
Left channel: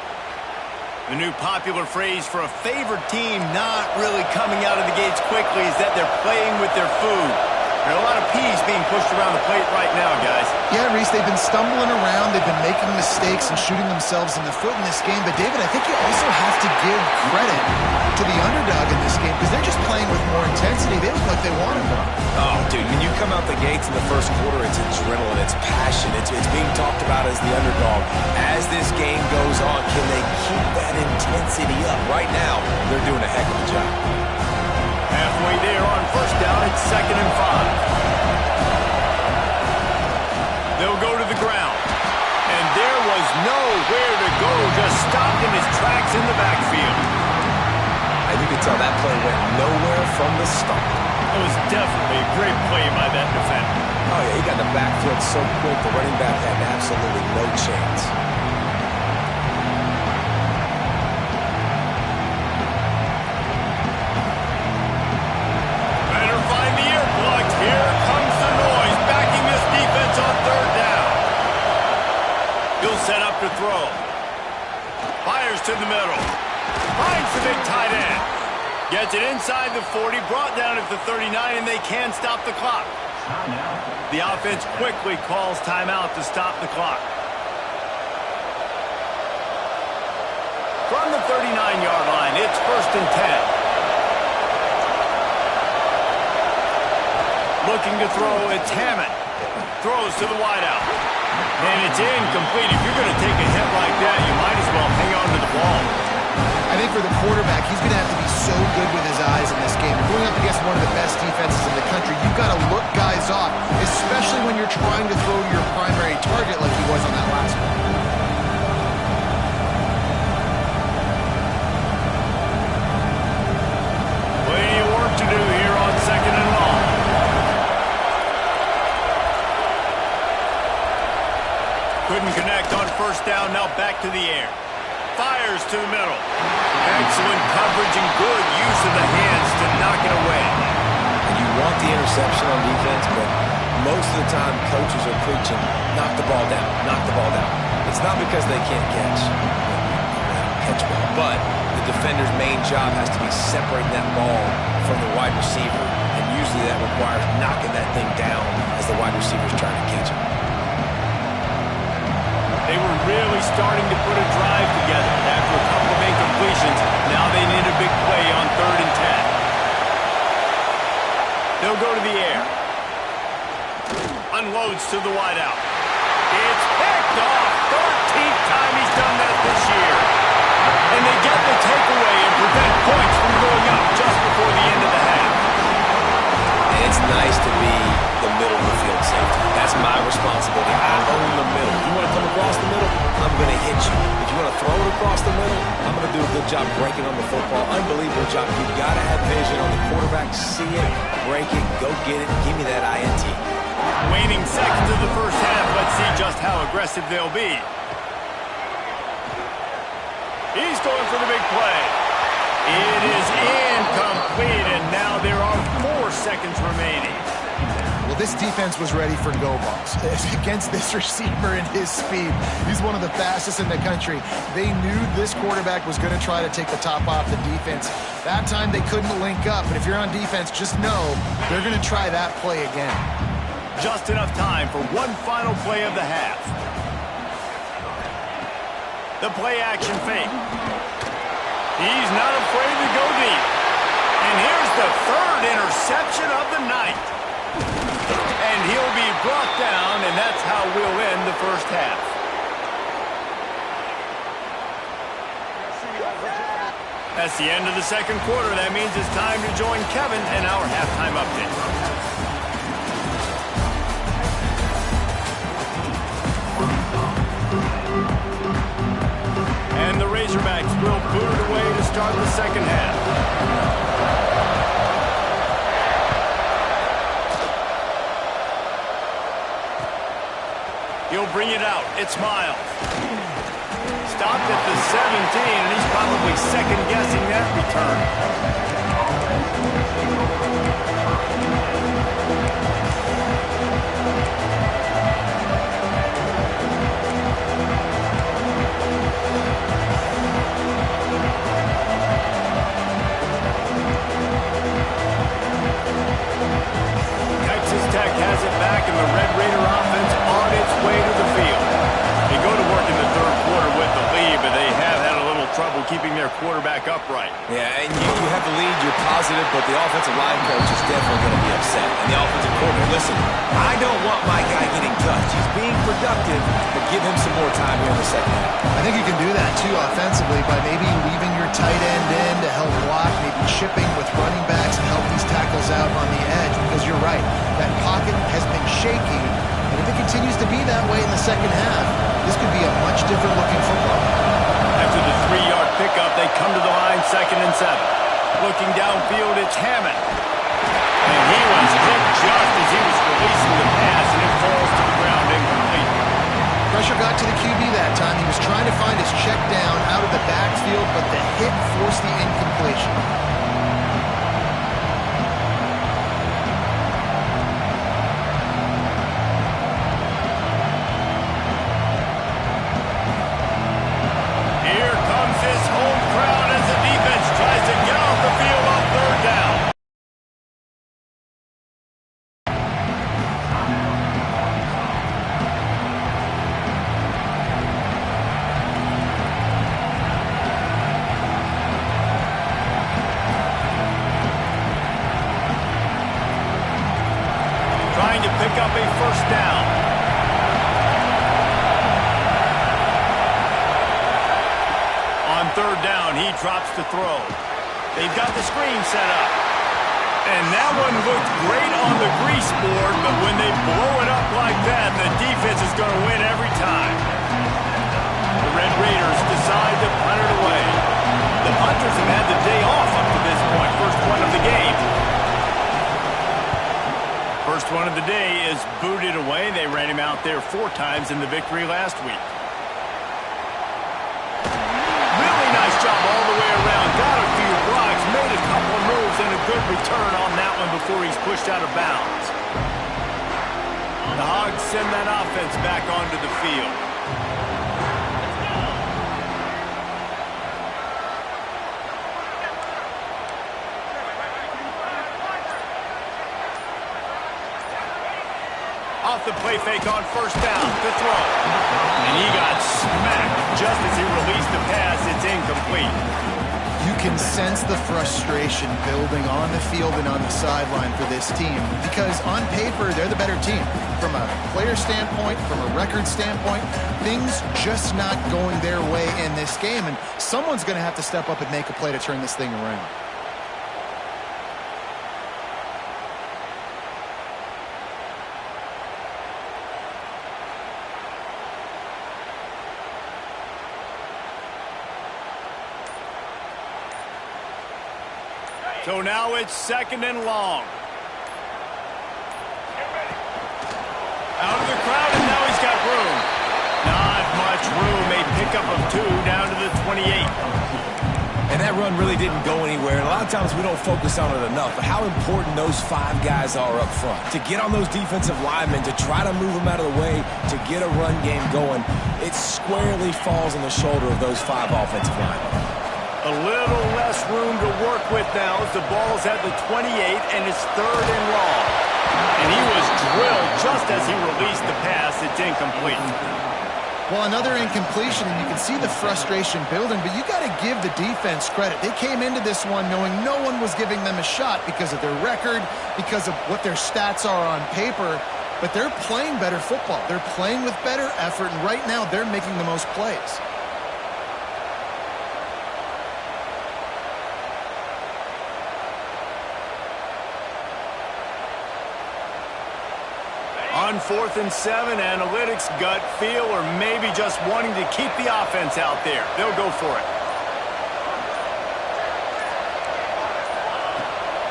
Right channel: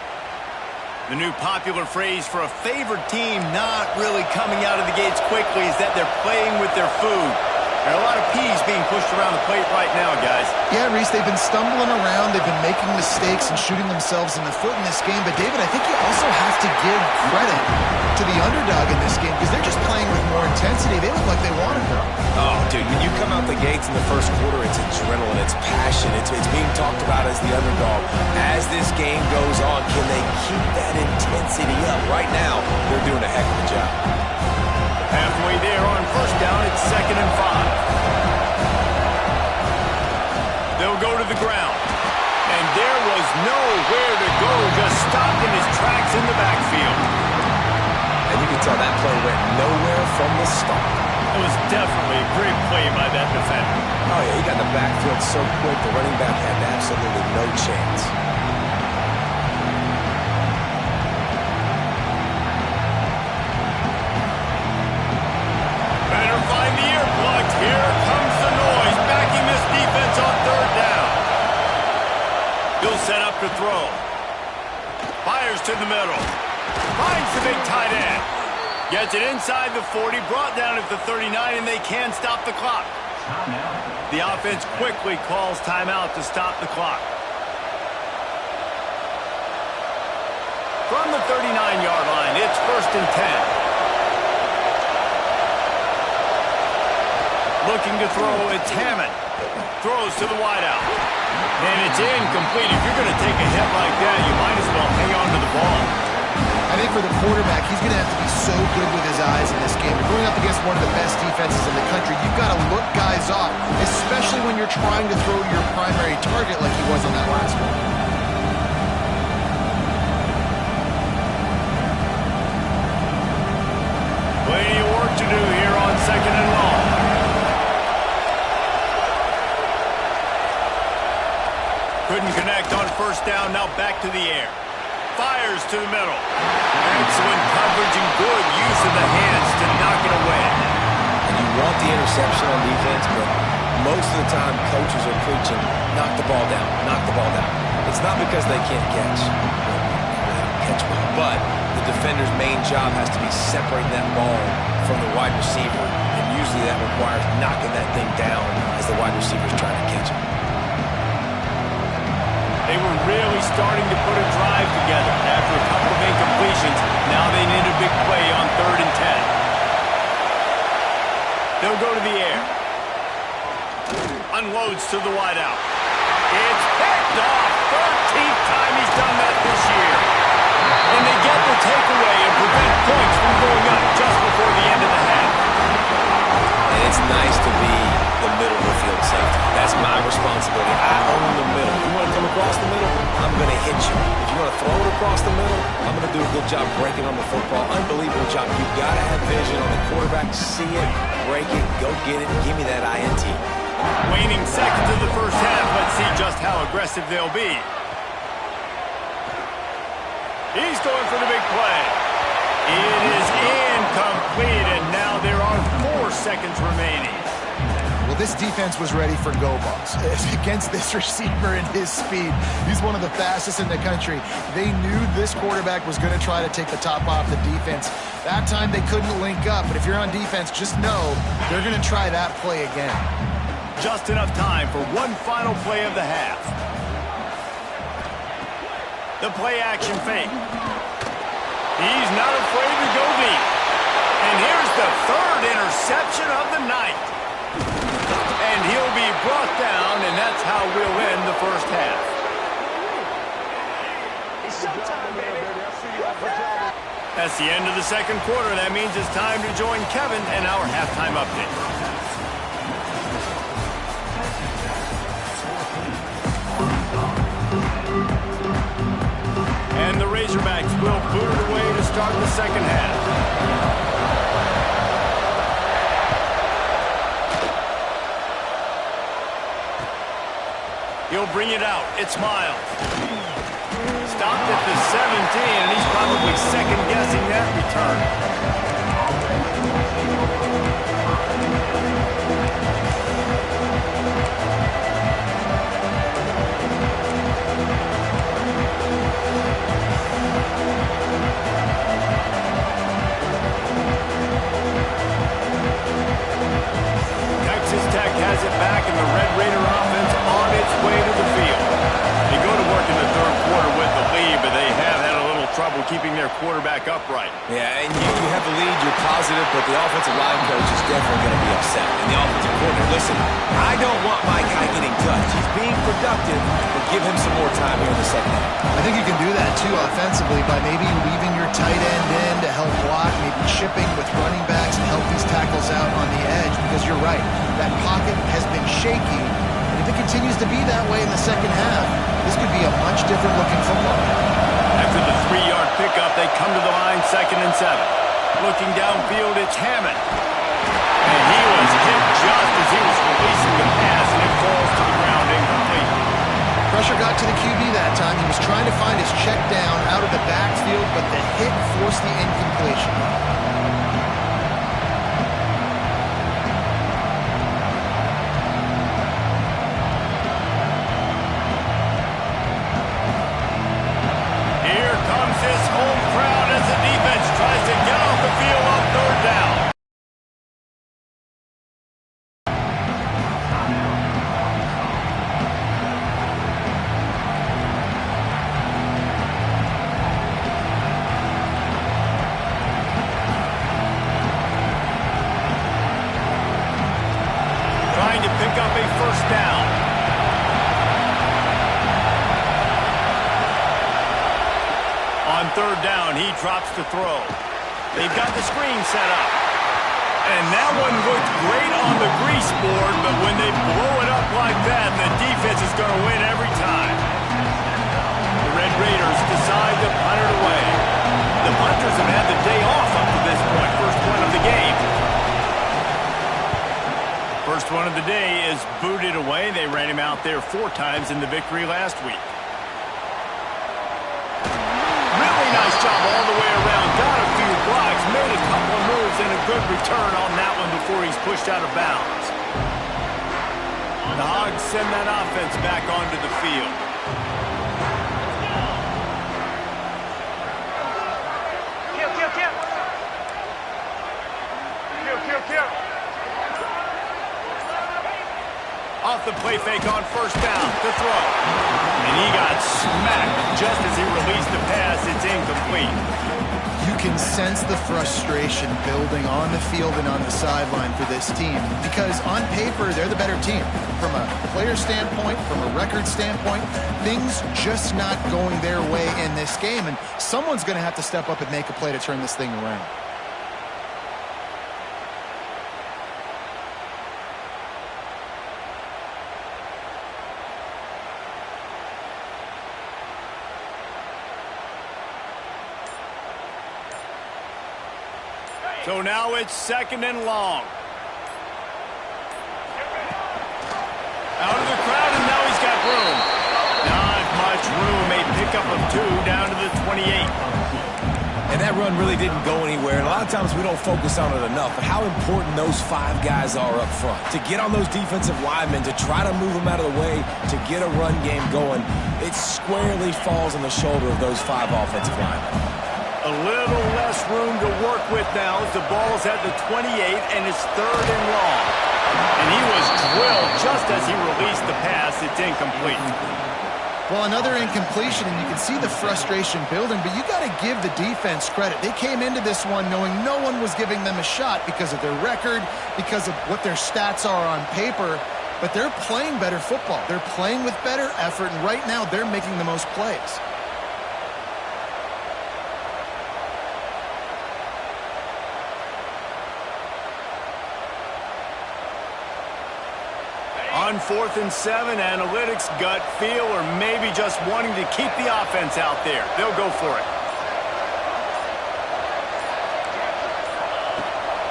The new popular phrase for a favored team not really coming out of the gates quickly is that they're playing with their food. There are a lot of peas being pushed around the plate right now, guys. Yeah, Reese, they've been stumbling around. They've been making mistakes and shooting themselves in the foot in this game. But, David, I think you also have to give credit to the underdog in this game because they're just playing with more intensity. They look like they want it, though. Oh, dude, when you come out the gates in the first quarter, it's adrenaline, it's passion. It's being talked about as the underdog. As this game goes on, can they keep that intensity up? Right now, they're doing a heck of a job. Halfway there on first down, it's 2nd and 5. They'll go to the ground. And there was nowhere to go, just stopped in his tracks in the backfield. And you can tell that play went nowhere from the start. It was definitely a great play by that defender. Oh, yeah, he got in the backfield so quick, the running back had absolutely no chance. Find the earplugs. Here comes the noise, backing this defense on third down. He'll set up to throw. Fires to the middle. Finds the big tight end. Gets it inside the 40, brought down at the 39, and they can stop the clock. The offense quickly calls timeout to stop the clock. From the 39-yard line, it's 1st and 10. Looking to throw, it's Hammond. Throws to the wideout. And it's incomplete. If you're going to take a hit like that, you might as well hang on to the ball. I think for the quarterback, he's going to have to be so good with his eyes in this game. You're going up against one of the best defenses in the country. You've got to look guys sought, especially when you're trying to throw to your primary target like he was on that last one. Plenty of work to do here on 2nd and long. Couldn't connect on 1st down, now back to the air. Fires to the middle. Excellent coverage and good use of the hands to knock it away. And you want the interception on defense, but most of the time coaches are preaching, knock the ball down, knock the ball down. It's not because they can't catch. They don't catch well, but the defender's main job has to be separating that ball from the wide receiver, and usually that requires knocking that thing down as the wide receiver's trying to catch it. They were really starting to put a drive together after a couple of incompletions. Now they need a big play on 3rd and 10. They'll go to the air. Unloads to the wideout. It's picked off. 13th time he's done that this year. And they get the takeaway and prevent points from going up just before the end of the half. And it's nice to be the middle of the field safety. That's my responsibility. I own the middle. If you want to come across the middle, I'm going to hit you. If you want to throw it across the middle, I'm going to do a good job breaking on the football. Unbelievable job. You've got to have vision on the quarterback. See it, break it, go get it, give me that INT. Waning seconds of the 1st half. Let's see just how aggressive they'll be. He's going for the big play. It is incomplete, and now there are 4 seconds remaining. Well, this defense was ready for go balls against this receiver and his speed. He's one of the fastest in the country. They knew this quarterback was going to try to take the top off the defense. That time they couldn't link up, but if you're on defense, just know they're going to try that play again. Just enough time for one final play of the half. The play action fake. He's not afraid to go deep. And here's the 3rd interception of the night. And he'll be brought down, and that's how we'll end the 1st half. That's the end of the 2nd quarter. That means it's time to join Kevin in our halftime update. And the Razorbacks will boot it away to start the 2nd half. He'll bring it out. It's Miles. Stopped at the 17, and he's probably second-guessing that return. Texas Tech has it back, and the Red Raider offense on its way to the field. They go to work in the 3rd quarter with the lead, but they have had a little trouble keeping their quarterback upright. Yeah, and you have the lead, you're positive, but the offensive line coach is definitely going to be upset. And the offensive coordinator, listen, I don't want my guy getting touched. He's being productive, but give him some more time here in the 2nd half. I think you can do that, too, offensively, by maybe leaving your tight end in to help block, maybe chipping with running backs and help these tackles out on the edge, because you're right, that pocket has been shaky, and if it continues to be that way in the 2nd half, this could be a much different-looking football. After the 3-yard pickup, they come to the line 2nd and 7. Looking downfield, it's Hammond. And he was hit just as he was releasing the pass, and it falls to the ground incomplete. Pressure got to the QB that time. He was trying to find his check down out of the backfield, but the hit forced the incompletion. His home crowd as the defense tries to get off the field on 3rd down. Trying to pick up a 1st down. On 3rd down, he drops to throw. They've got the screen set up. And that one looked great on the grease board, but when they blow it up like that, the defense is going to win every time. The Red Raiders decide to punt it away. The punters have had the day off up to this point. First one of the game. First one of the day is booted away. They ran him out there 4 times in the victory last week. Really nice job all the way around. Got a few blocks, made a couple of moves, and a good return on that one before he's pushed out of bounds. The Hogs send that offense back onto the field. Off the play fake on first down to throw. And he got smacked just as he released the pass. It's incomplete. You can sense the frustration building on the field and on the sideline for this team because on paper, they're the better team. From a player standpoint, from a record standpoint, things just not going their way in this game. And someone's going to have to step up and make a play to turn this thing around. So now it's 2nd and long. Out of the crowd, and now he's got room. Not much room. A pickup of 2 down to the 28. And that run really didn't go anywhere. And a lot of times we don't focus on it enough. But how important those 5 guys are up front. To get on those defensive linemen, to try to move them out of the way, to get a run game going, it squarely falls on the shoulder of those 5 offensive linemen. A little less room to work with now as the ball's at the 28 and it's 3rd and long. And he was drilled just as he released the pass. It's incomplete. Well, another incompletion, and you can see the frustration building, but you got to give the defense credit. They came into this one knowing no one was giving them a shot because of their record, because of what their stats are on paper, but they're playing better football. They're playing with better effort, and right now they're making the most plays. On 4th and 7, analytics, gut feel, or maybe just wanting to keep the offense out there. They'll go for it.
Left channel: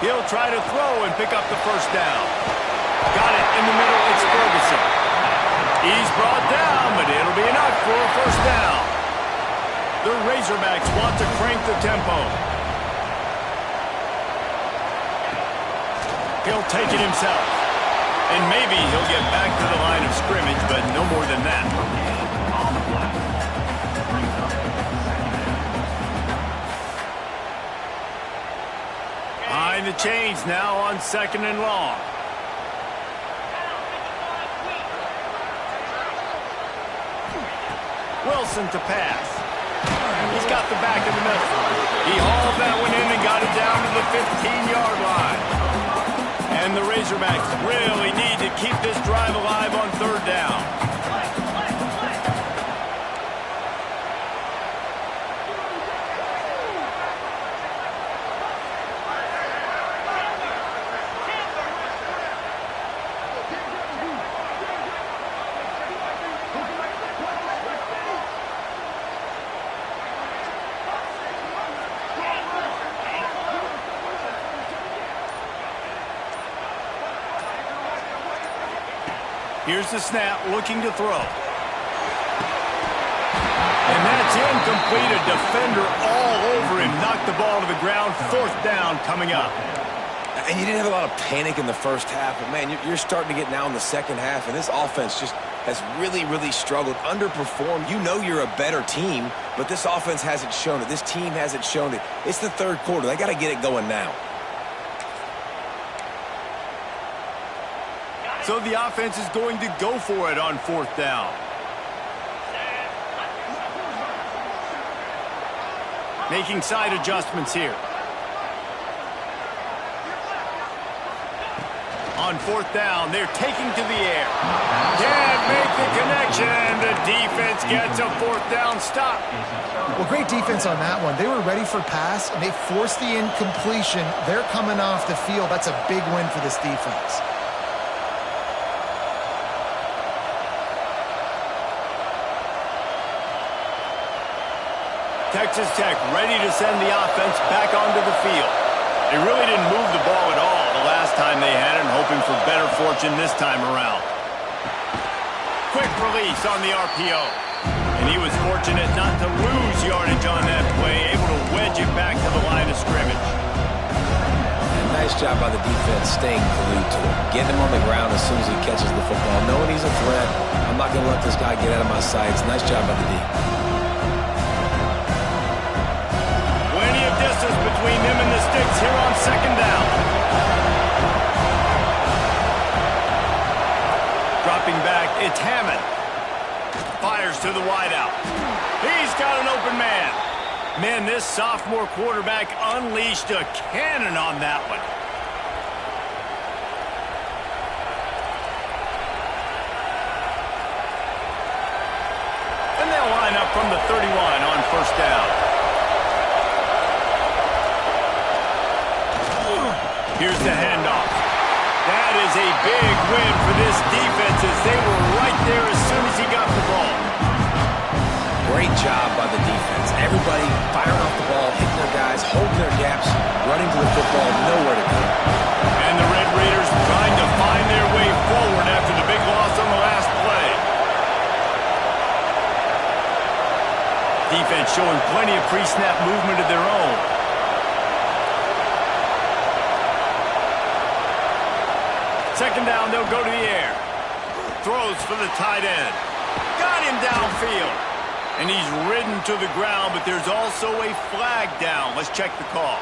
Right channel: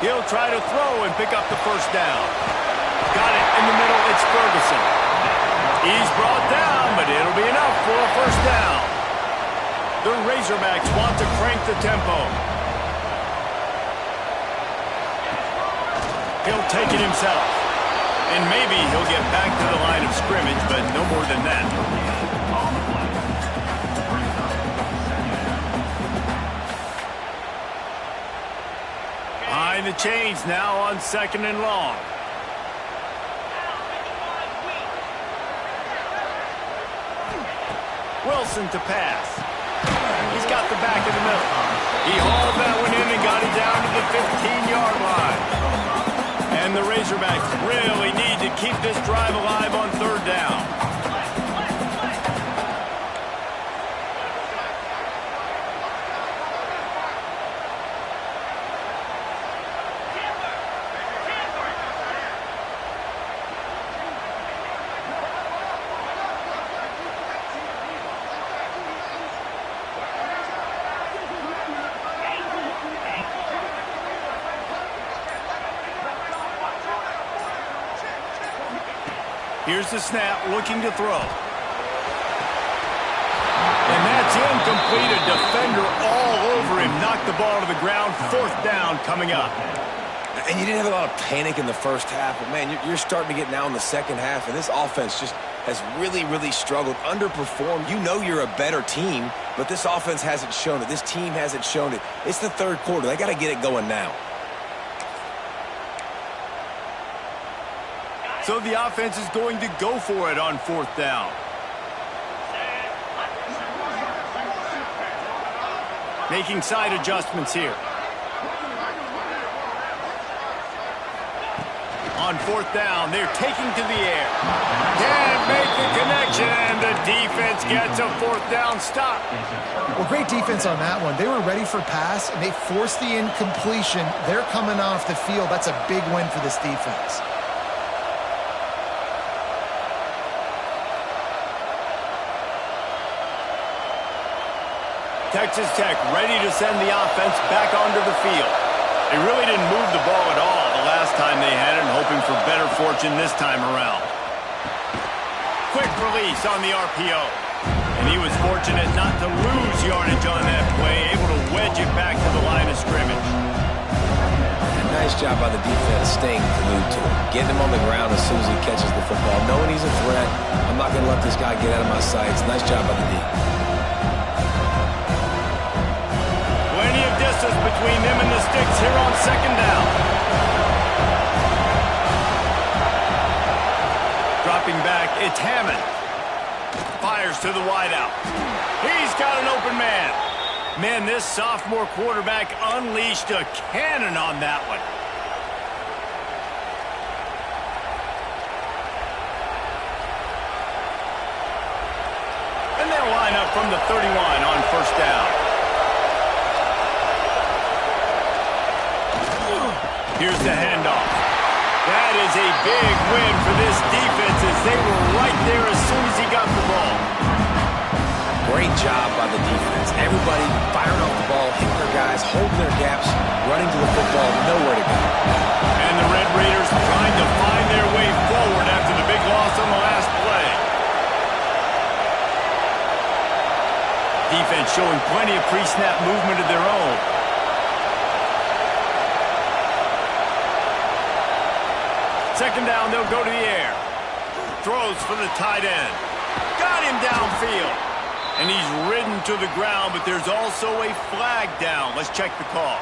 He'll try to throw and pick up the first down. Got it in the middle. It's Ferguson. He's brought down, but it'll be enough for a first down. The Razorbacks want to crank the tempo. He'll take it himself. And maybe he'll get back to the line of scrimmage, but no more than that. Behind the chains now on 2nd and long. Wilson to pass. He's got the back in the middle. He hauled that one in and got it down to the 15-yard line. And the Razorbacks really need to keep this drive alive on 3rd down. Here's the snap, looking to throw. And that's incomplete. A defender all over him. Knocked the ball to the ground. 4th down coming up. And you didn't have a lot of panic in the first half, but, man, you're starting to get now in the second half, and this offense just has really, really struggled, underperformed. You know you're a better team, but this offense hasn't shown it. This team hasn't shown it. It's the 3rd quarter. They got to get it going now. So the offense is going to go for it on 4th down. Making side adjustments here. On fourth down, they're taking to the air. Can't make the connection, and the defense gets a fourth down stop. Well, great defense on that one. They were ready for pass, and they forced the incompletion. They're coming off the field. That's a big win for this defense. Texas Tech ready to send the offense back onto the field. They really didn't move the ball at all the last time they had it, and hoping for better fortune this time around. Quick release on the RPO. And he was fortunate not to lose yardage on that play, able to wedge it back to the line of scrimmage. And nice job by the defense staying glued to him. Getting him on the ground as soon as he catches the football. Knowing he's a threat, I'm not going to let this guy get out of my sights. Nice job by the D. Plenty of distance between them and the sticks here on second down. Dropping back, it's Hammond. Fires to the wideout. He's got an open man. Man, this sophomore quarterback unleashed a cannon on that one. And they'll line up from the 31 on first down. Here's the handoff. That is a big win for this defense as they were right there as soon as he got the ball. Great job by the defense. Everybody firing off the ball, hitting their guys, holding their gaps, running to the football, nowhere to go. And the Red Raiders trying to find their way forward after the big loss on the last play. Defense showing plenty of pre-snap movement of their own. Second down, they'll go to the air. Throws for the tight end. Got him downfield. And he's ridden to the ground, but there's also a flag down. Let's check the call.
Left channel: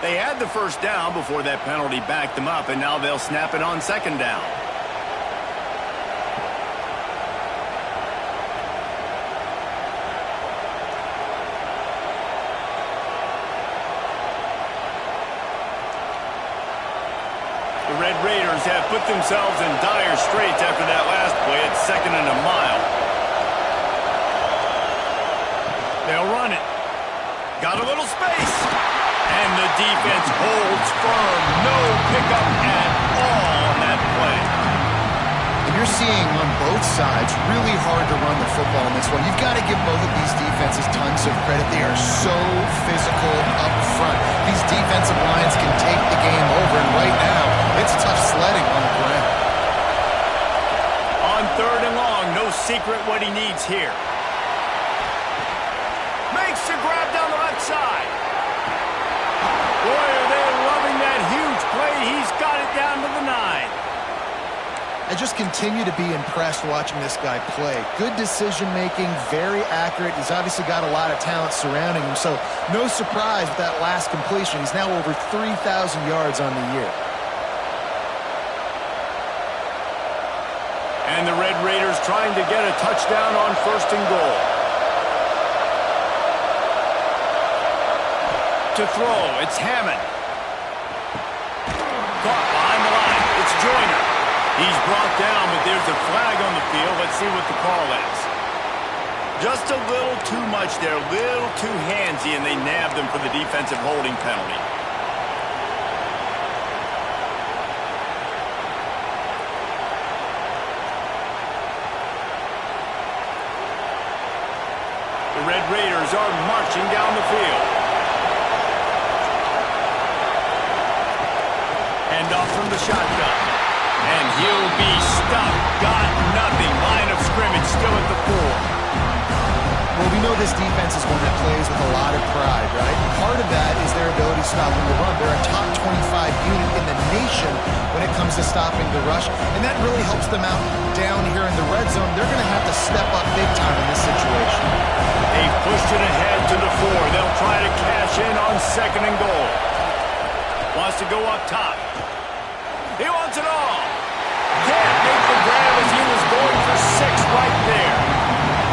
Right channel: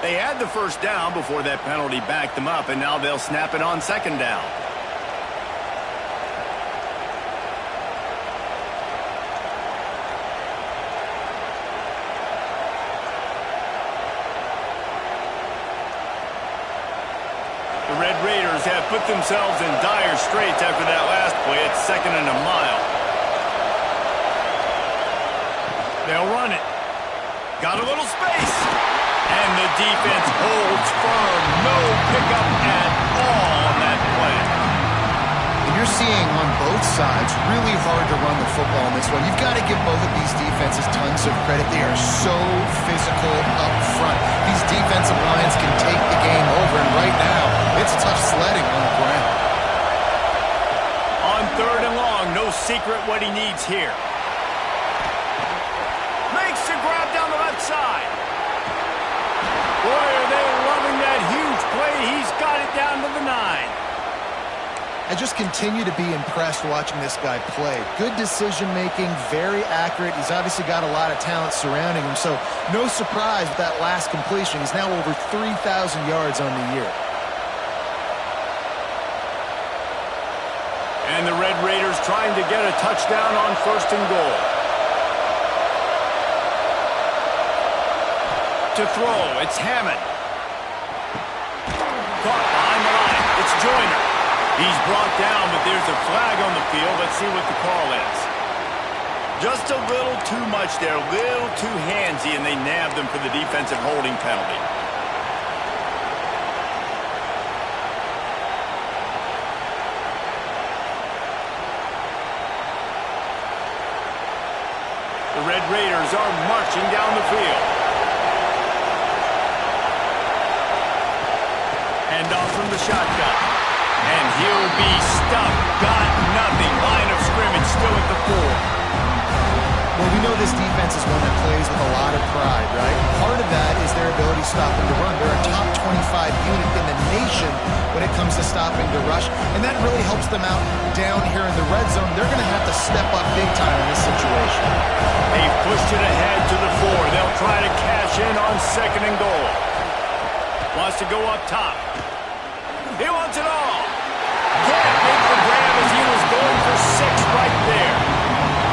They had the first down before that penalty backed them up, and now they'll snap it on second down. The Red Raiders have put themselves in dire straits after that last play at 2nd and a mile. They'll run it. Got a little space. And the defense holds firm. No pickup at all on that play. And you're seeing on both sides really hard to run the football in this one. You've got to give both of these defenses tons of credit. They are so physical up front. These defensive lines can take the game over, and right now, it's tough sledding on the ground. On 3rd and long, no secret what he needs here. Makes the grab down the left side. Boy, are they loving that huge play. He's got it down to the 9. I just continue to be impressed watching this guy play. Good decision-making, very accurate. He's obviously got a lot of talent surrounding him, so no surprise with that last completion. He's now over 3,000 yards on the year. And the Red Raiders trying to get a touchdown on 1st and goal. To throw, it's Hammond. Caught behind the line. It's Joyner. He's brought down, but there's a flag on the field. Let's see what the call is. Just a little too much there, a little too handsy, and they nabbed him for the defensive holding penalty. The Red Raiders are marching down the field. Hand off from the shotgun. And he'll be stuffed. Got nothing. Line of scrimmage still at the 4. Well, we know this defense is one that plays with a lot of pride, right? Part of that is their ability stopping the run. They're a top 25 unit in the nation when it comes to stopping the rush, and that really helps them out down here in the red zone. They're going to have to step up big time in this situation. They've pushed it ahead to the 4. They'll try to cash in on 2nd and goal. Wants to go up top. He wants it all. Can't make the grab as he was going for 6 right there.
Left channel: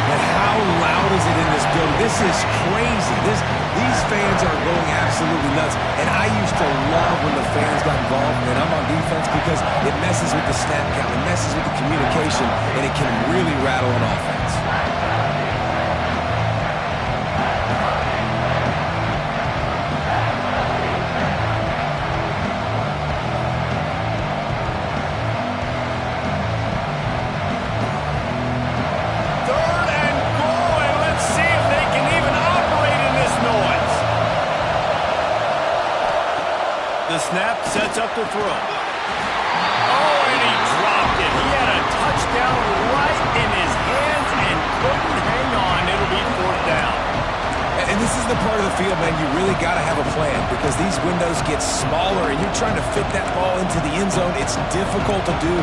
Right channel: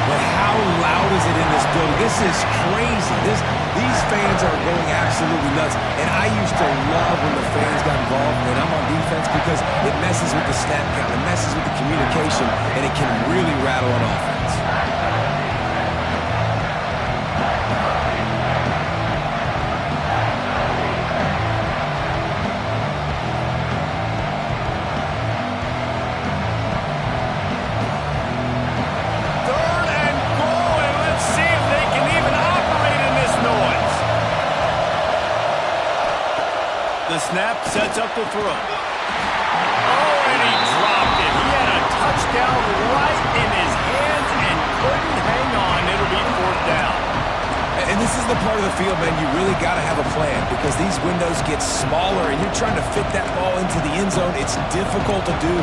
And how loud is it in this building? This is crazy. These fans are going absolutely nuts. And I used to love when the fans got involved, and I'm on defense, because it messes with the snap count, it messes with the communication, and it can really rattle an offense. The snap sets up the throw. Oh, and he dropped it. He had a touchdown right in his hands and couldn't hang on. It'll be 4th down. And this is the part of the field, man, you really got to have a plan, because these windows get smaller and you're trying to fit that ball into the end zone. It's difficult to do.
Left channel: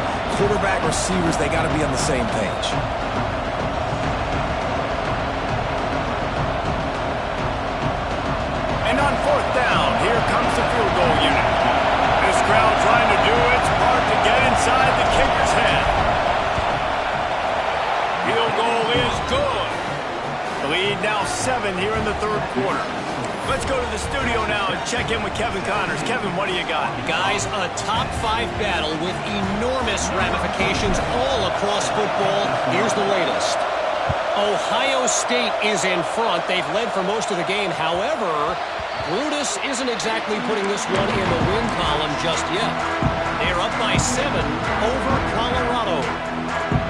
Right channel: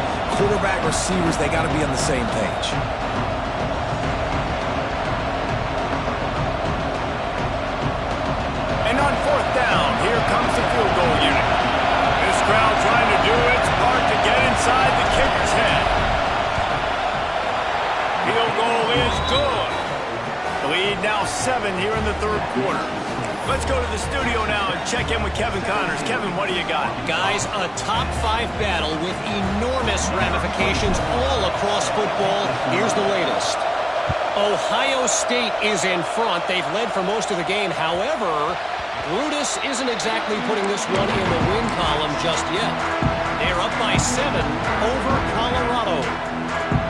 Quarterback, receivers, they got to be on the same page. And on 4th down, here comes the field goal unit. This crowd trying to do its part to get inside the kicker's head. Field goal is good. The lead now 7 here in the 3rd quarter. Let's go to the studio now and check in with Kevin Connors. Kevin, what do you got? Guys, a top 5 battle with enormous ramifications all across football. Here's the latest. Ohio State is in front. They've led for most of the game. However, Brutus isn't exactly putting this one in the win column just yet. They're up by 7 over Colorado.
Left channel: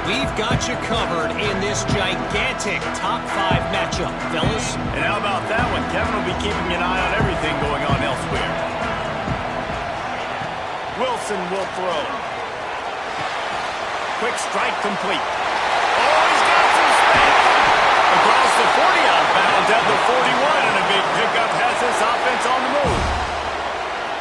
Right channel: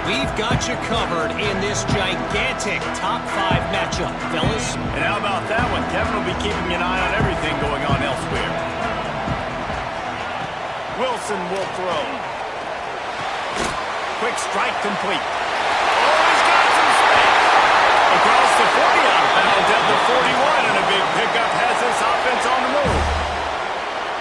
We've got you covered in this gigantic top 5 matchup, fellas. And how about that one? Kevin will be keeping an eye on everything going on elsewhere. Wilson will throw. Quick strike complete. Oh, he's got some space. Across the 40, out of bounds at the 41, and a big pickup has this offense on the move.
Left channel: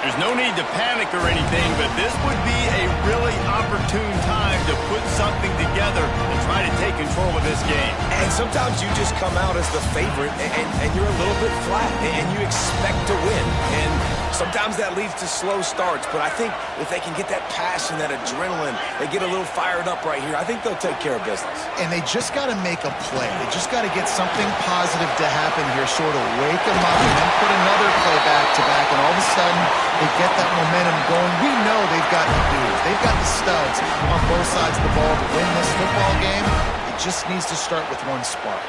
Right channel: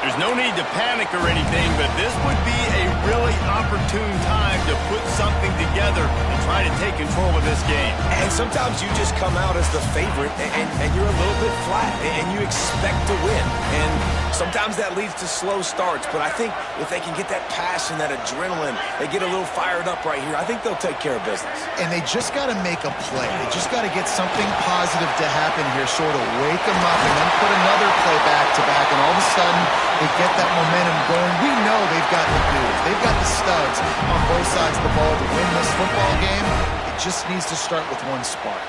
There's no need to panic or anything, but this would be a really opportune time to put something together and try to take control of this game. And sometimes you just come out as the favorite, and you're a little bit flat, and you expect to win. And sometimes that leads to slow starts, but I think if they can get that passion, that adrenaline, they get a little fired up right here, I think they'll take care of business. And they just got to make a play. They just got to get something positive to happen here, sort of wake them up, and then put another play back-to-back, and all of a sudden they get that momentum going. We know they've got the dudes. They've got the studs on both sides of the ball to win this football game. It just needs to start with one spark.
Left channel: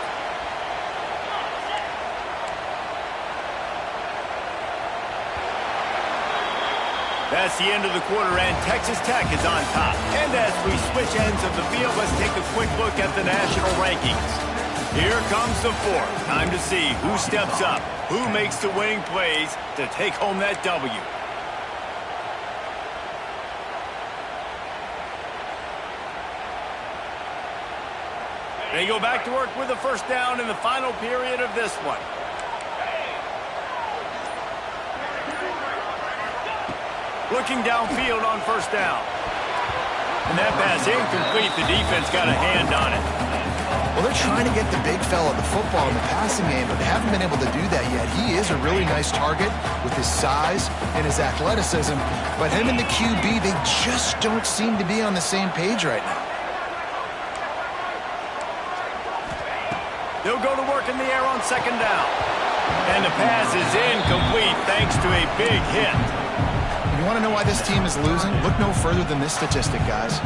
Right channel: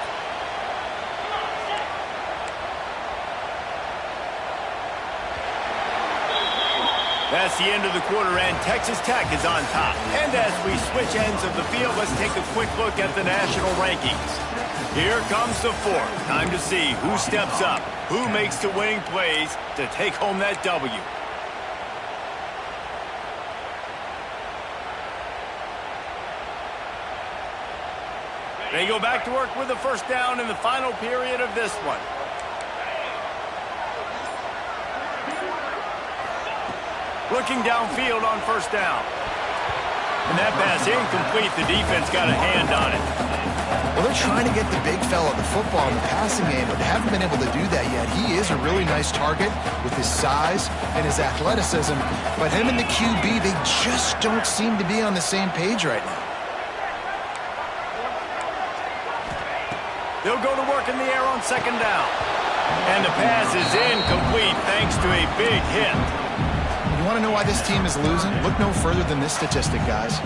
That's the end of the quarter, and Texas Tech is on top. And as we switch ends of the field, let's take a quick look at the national rankings. Here comes the 4th. Time to see who steps up, who makes the winning plays to take home that W. They go back to work with the 1st down in the final period of this one. Looking downfield on 1st down. And that pass incomplete. The defense got a hand on it. Well, they're trying to get the big fella the football in the passing game, but they haven't been able to do that yet. He is a really nice target with his size and his athleticism, but him and the QB, they just don't seem to be on the same page right now. They'll go to work in the air on 2nd down. And the pass is incomplete thanks to a big hit. You want to know why this team is losing? Look no further than this statistic, guys.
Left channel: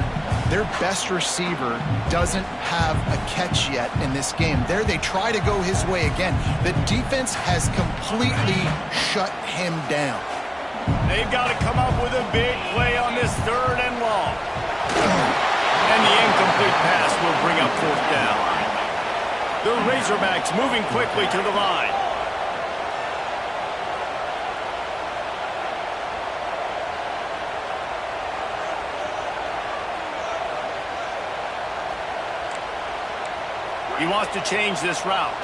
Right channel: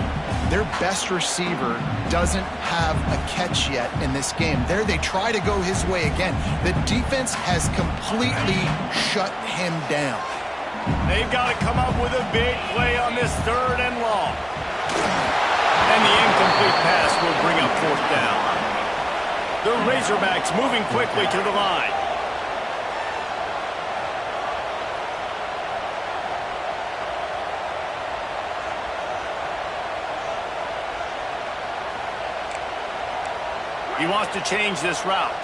Their best receiver doesn't have a catch yet in this game. There they try to go his way again. The defense has completely shut him down. They've got to come up with a big play on this 3rd and long. And the incomplete pass will bring up 4th down. The Razorbacks moving quickly to the line. He wants to change this route.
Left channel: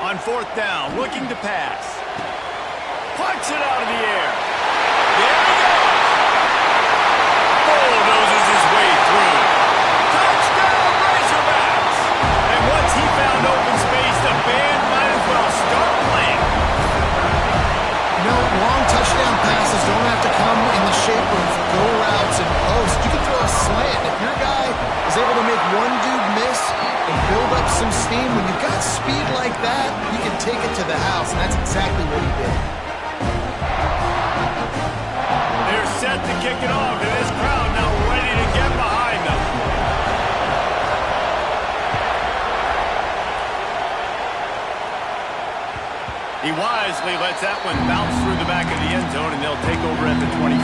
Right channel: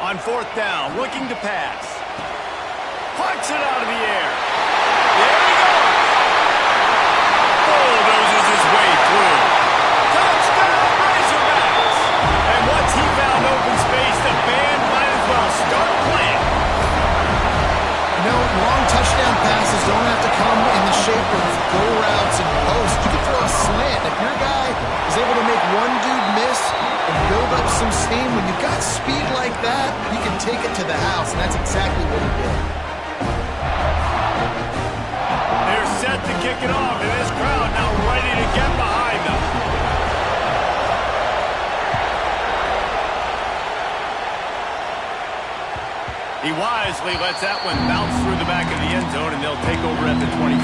On 4th down, looking to pass. Plucks it out of the air. There he goes. Bulldozes his way through. Touchdown, Razorbacks! And once he found band might as well start playing. You know, long touchdown passes don't have to come in the shape of go routes and posts. You can throw a slant. If your guy is able to make one dude miss and build up some steam, when you've got speed like that, you can take it to the house, and that's exactly what he did. They're set to kick it off, and this crowd now ready to get behind them. He wisely lets that one bounce through the back of the end zone, and they'll take over at the 25.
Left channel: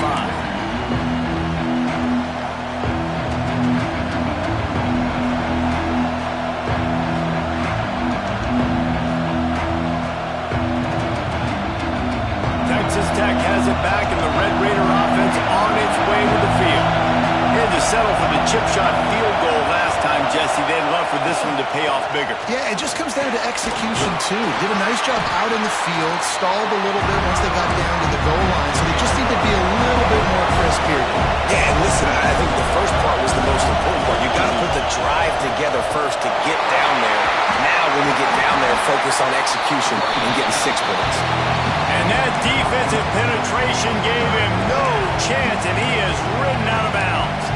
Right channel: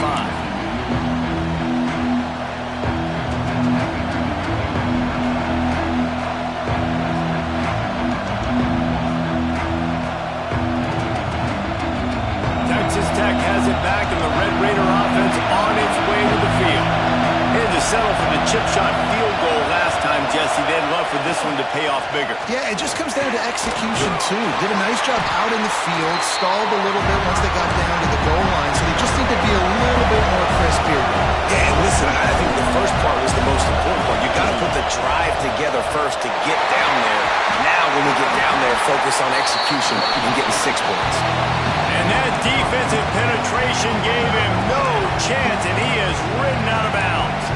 Texas Tech has it back, and the Red Raider offense on its way to the field. They had to settle for the chip shot field goal last time, Jesse. They'd love for this one to pay off bigger. Yeah, it just comes down to execution, too. Did a nice job out in the field, stalled a little bit once they got down to the goal line, so they just need to be a little bit more crisp here. Yeah, and listen, I think the first part was the most important part. You got to put the drive together first to get down there. Now, when we get down there, focus on execution and getting 6 points. And that defensive penetration gave him no chance, and he is ridden out of bounds.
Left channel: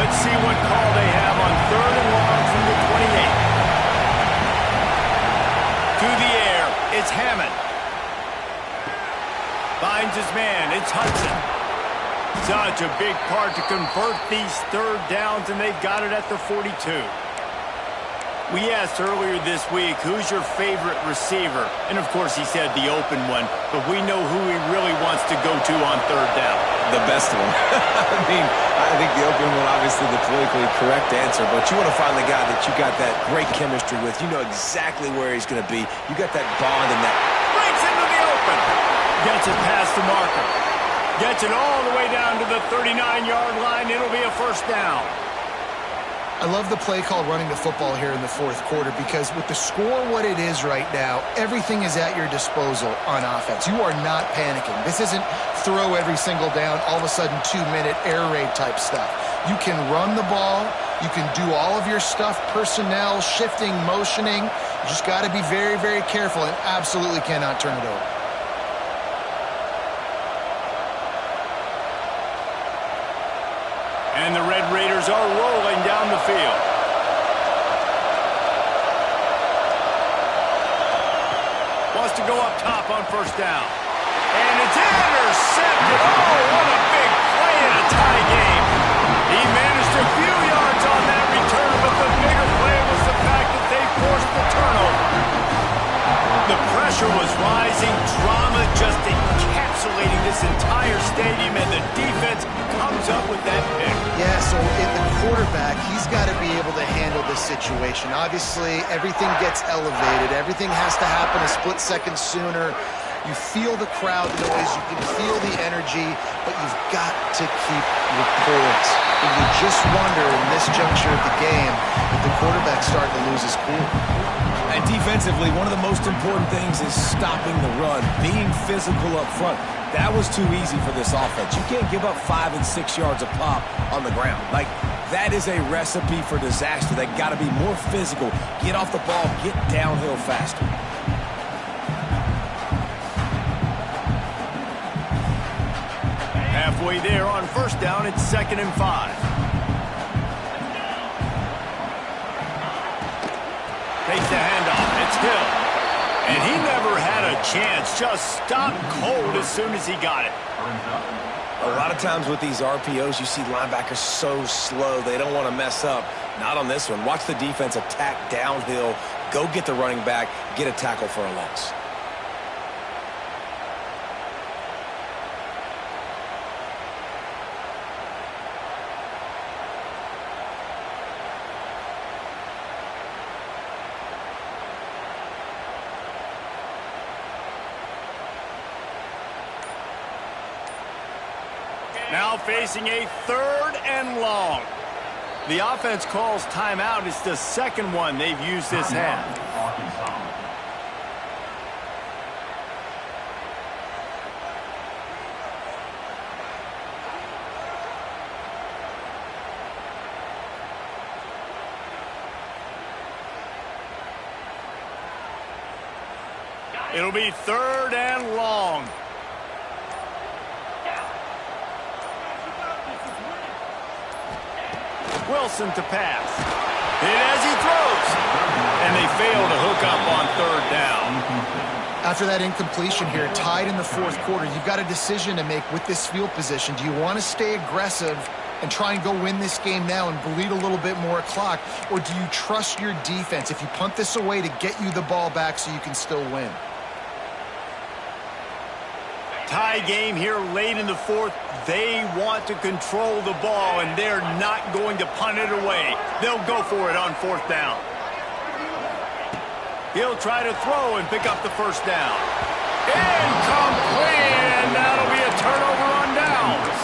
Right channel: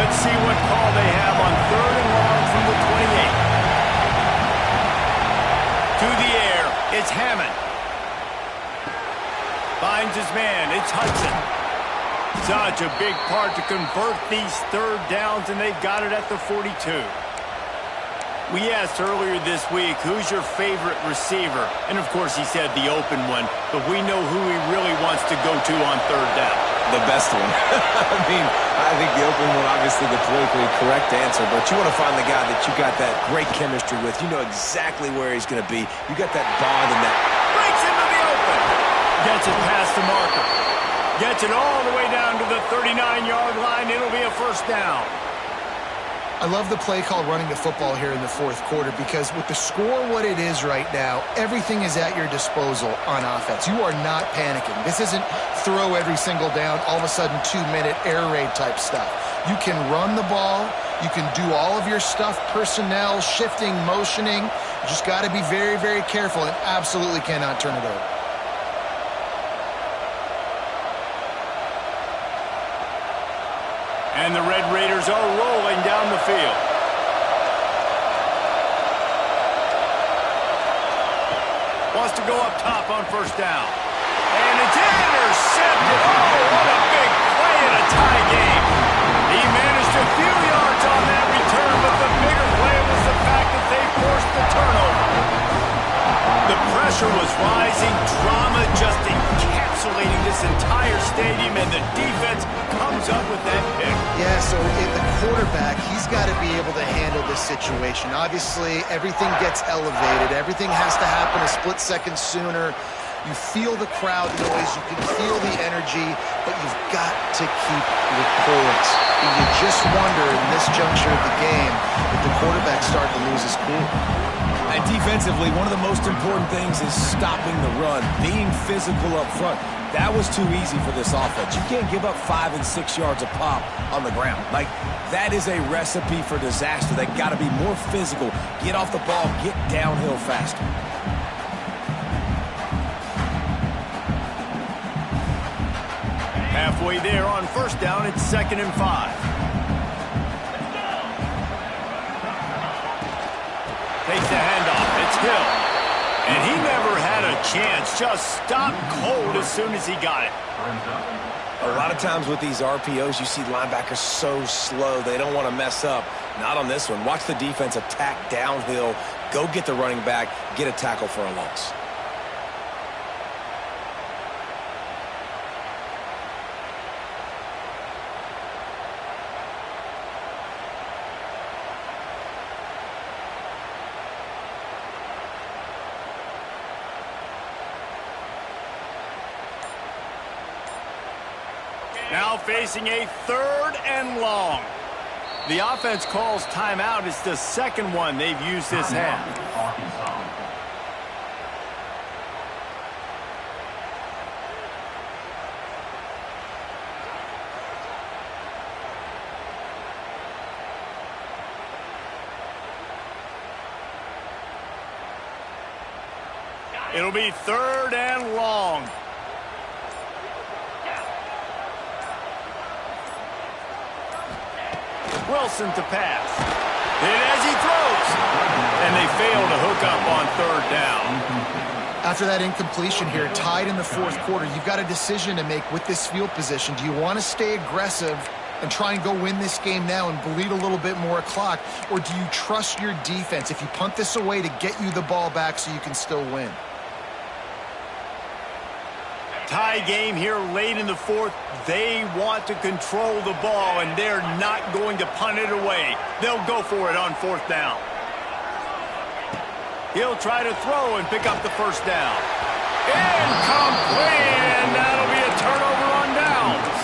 Let's see what call they have on 3rd and long from the 28. To the air, it's Hammond. Finds his man, it's Hudson. Such a big part to convert these 3rd downs, and they've got it at the 42. We asked earlier this week, who's your favorite receiver? And, of course, he said the open one, but we know who he really wants to go to on 3rd down. The best one. I think the open one, obviously the politically correct answer, but you want to find the guy that you got that great chemistry with. You know exactly where he's going to be. You got that bond and that... Breaks into the open. Gets it past the marker. Gets it all the way down to the 39-yard line. It'll be a 1st down. I love the play call running the football here in the 4th quarter because with the score what it is right now, everything is at your disposal on offense. You are not panicking. This isn't throw every single down, all of a sudden 2-minute air raid type stuff. You can run the ball. You can do all of your stuff, personnel, shifting, motioning. You just got to be very, very careful and absolutely cannot turn it over. And the Red Raiders are rolling down the field. Wants to go up top on 1st down. And it's intercepted. Oh, what a big play in a tie game. He managed a few yards on that return, but the bigger play was the fact that they forced the turnover. The pressure was rising, drama just encapsulating this entire stadium, and the defense comes up with that pick. Yeah, so the quarterback, he's got to be able to handle this situation. Obviously, everything gets elevated. Everything has to happen a split second sooner. You feel the crowd noise. You can feel the energy, but you've got to keep your poise. And you just wonder in this juncture of the game if the quarterback's starting to lose his cool. And defensively, one of the most important things is stopping the run, being physical up front. That was too easy for this offense. You can't give up 5 and 6 yards a pop on the ground. Like, that is a recipe for disaster. They got to be more physical, get off the ball, get downhill faster. Halfway there on 1st down, it's 2nd and 5. Takes the handoff. It's Hill. And he never had a chance. Just stopped cold as soon as he got it. A lot of times with these RPOs, you see linebackers so slow, they don't want to mess up. Not on this one. Watch the defense attack downhill, go get the running back, get a tackle for a loss. Now facing a 3rd and long. The offense calls timeout. It's the 2nd one they've used this half. It'll be 3rd and long. Wilson to pass. Hit as he throws. And they fail to hook up on 3rd down. After that incompletion here, tied in the 4th quarter, you've got a decision to make with this field position. Do you want to stay aggressive and try and go win this game now and bleed a little bit more clock? Or do you trust your defense if you punt this away to get you the ball back so you can still win? Tie game here late in the 4th. They want to control the ball, and they're not going to punt it away. They'll go for it on 4th down. He'll try to throw and pick up the 1st down. Incomplete, and that'll be a turnover on downs.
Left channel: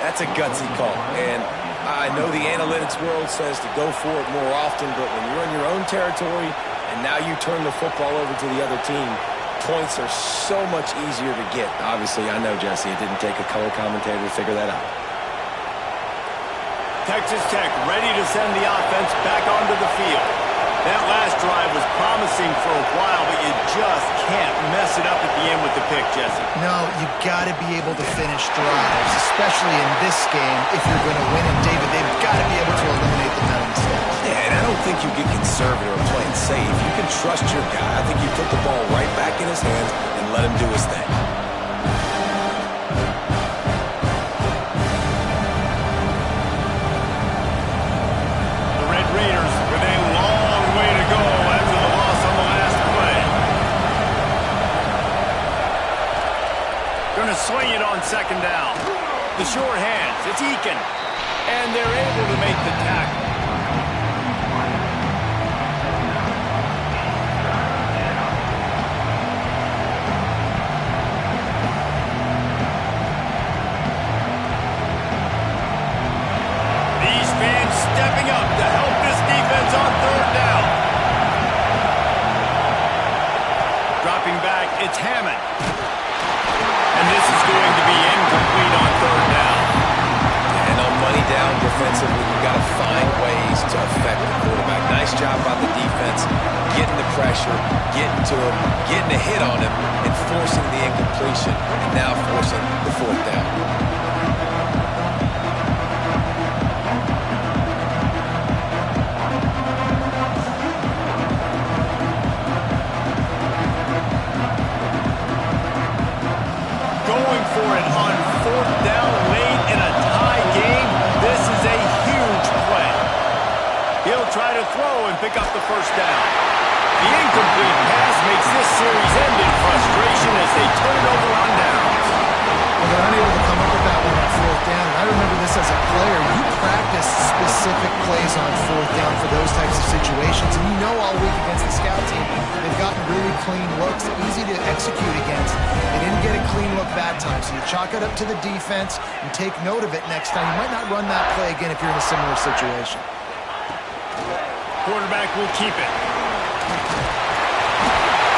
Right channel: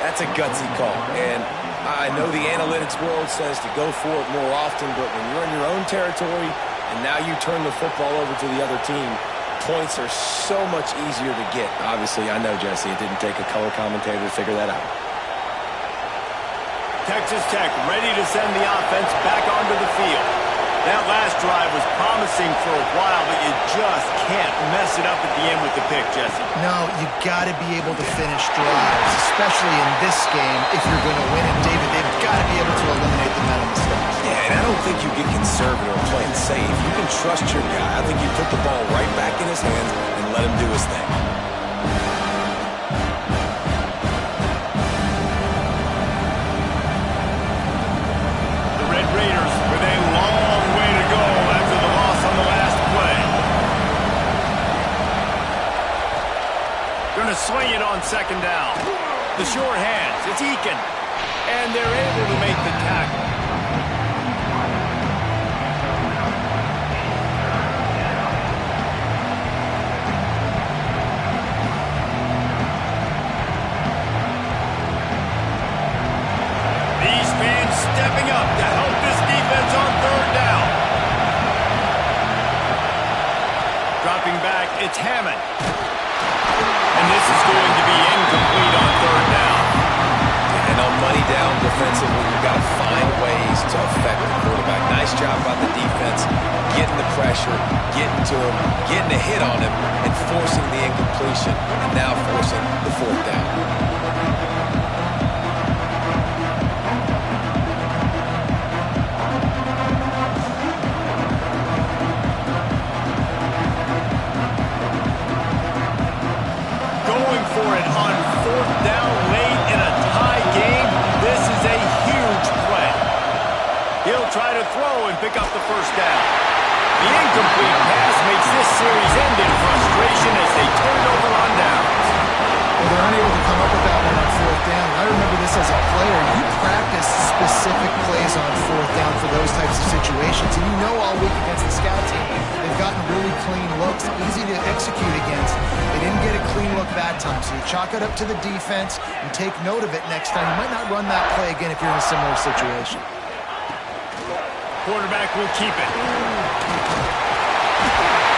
That's a gutsy call, and I know the analytics world says to go for it more often, but when you're in your own territory and now you turn the football over to the other team, points are so much easier to get. Obviously, I know, Jesse, it didn't take a color commentator to figure that out. Texas Tech ready to send the offense back onto the field. That last drive was promising for a while, but you just can't mess it up at the end with the pick, Jesse. No, you got to be able to finish drives, especially in this game if you're going to win. And, David, they've got to be able to eliminate the mental mistakes. Yeah, and I don't think you get conservative or play it safe. You can trust your guy. I think you put the ball right back in his hands and let him do his thing. The Red Raiders with a long way to go after the loss on the last play. Going to swing it on 2nd down. The short hands, it's Eakin. And they're able to make the tackle. These fans stepping up to help this defense on 3rd down. Dropping back, it's Hammond. And this is going to be incomplete on 3rd down. And on money down defensively, you've got to find ways to affect the quarterback. Nice job by the defense, getting the pressure, getting to him, getting a hit on him, and forcing the incompletion, and now forcing the 4th down. For it on 4th down late in a tie game. This is a huge play. He'll try to throw and pick up the 1st down. The incomplete pass makes this series end in frustration as they turn it over on downs. Well, they're unable to come up with that one on 4th down. And I remember this as a player. You practice specific plays on 4th down for those types of situations. And you know all week against the scout team, they've gotten really clean looks, easy to execute against. They didn't get a clean look that time. So you chalk it up to the defense and take note of it next time. You might not run that play again if you're in a similar situation. Quarterback will keep it.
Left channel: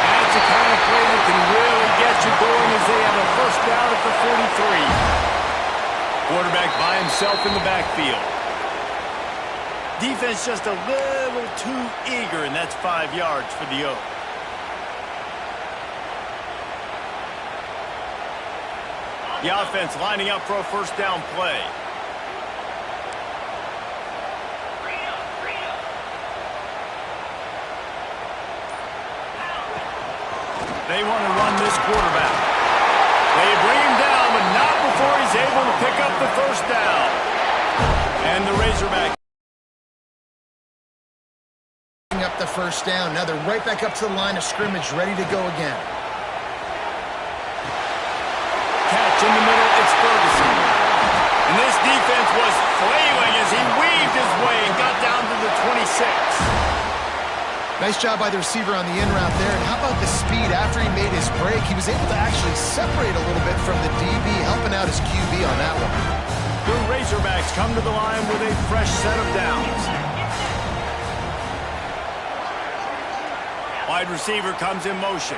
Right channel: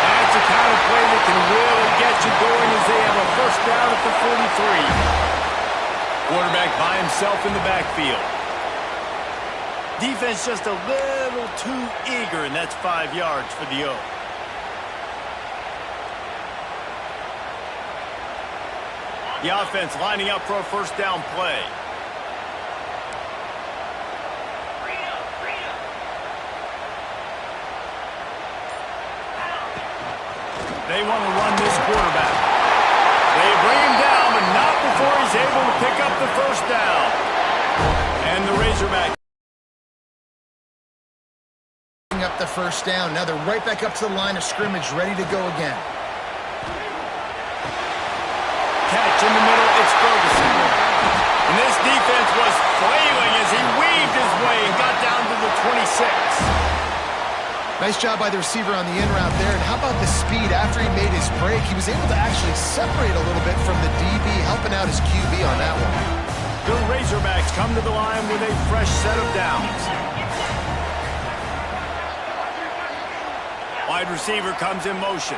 That's the kind of play that can really get you going as they have a 1st down at the 43. Quarterback by himself in the backfield. Defense just a little too eager, and that's 5 yards for the Oak. The offense lining up for a 1st down play. They want to run this quarterback. They bring him down, but not before he's able to pick up the 1st down. And the Razorback Up the 1st down. Now they're right back up to the line of scrimmage, ready to go again. Catch in the middle, it's Ferguson. And this defense was flailing as he weaved his way and got down to the 26. Nice job by the receiver on the in route there. And how about the speed after he made his break? He was able to actually separate a little bit from the DB, helping out his QB on that one. The Razorbacks come to the line with a fresh set of downs. Wide receiver comes in motion.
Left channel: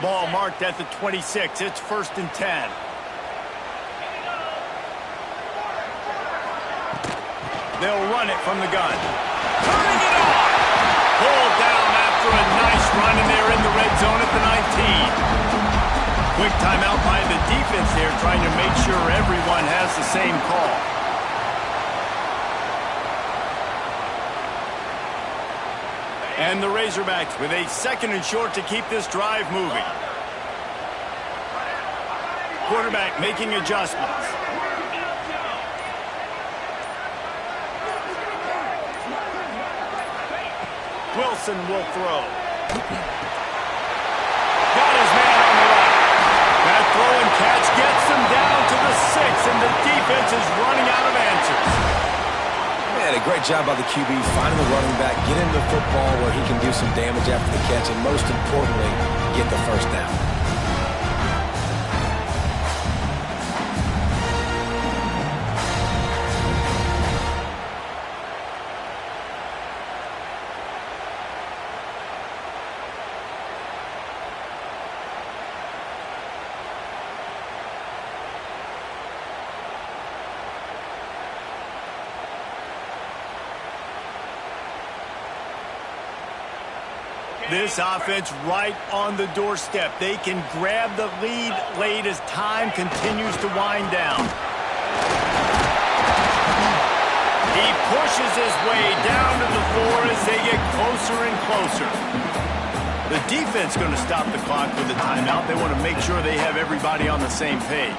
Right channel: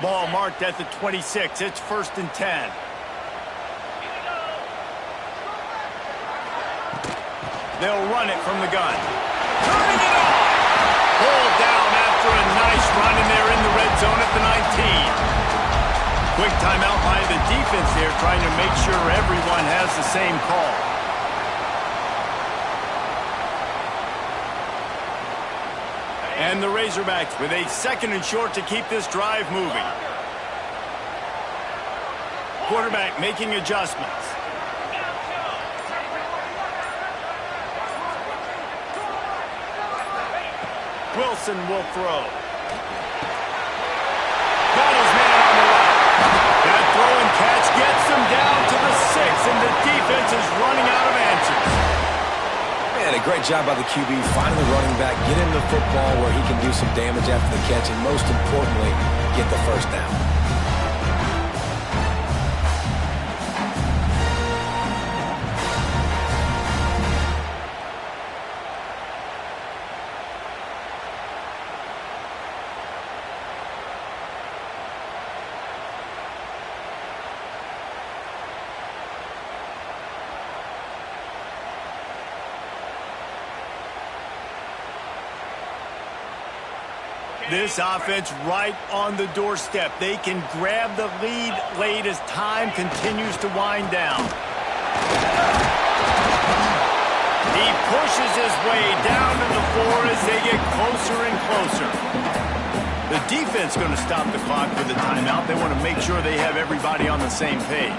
Ball marked at the 26. It's 1st and 10. They'll run it from the gun. Turning it on! Pulled down after a nice run, and they're in the red zone at the 19. Quick timeout by the defense there, trying to make sure everyone has the same call. And the Razorbacks with a 2nd and short to keep this drive moving. Quarterback making adjustments. Wilson will throw. Got his man on the right. That throw and catch gets them down to the 6, and the defense is running out of answers. Man, a great job by the QB finding the running back, get him the football where he can do some damage after the catch, and most importantly, get the 1st down. This offense right on the doorstep. They can grab the lead late as time continues to wind down. He pushes his way down to the floor as they get closer and closer. The defense going to stop the clock with a timeout. They want to make sure they have everybody on the same page.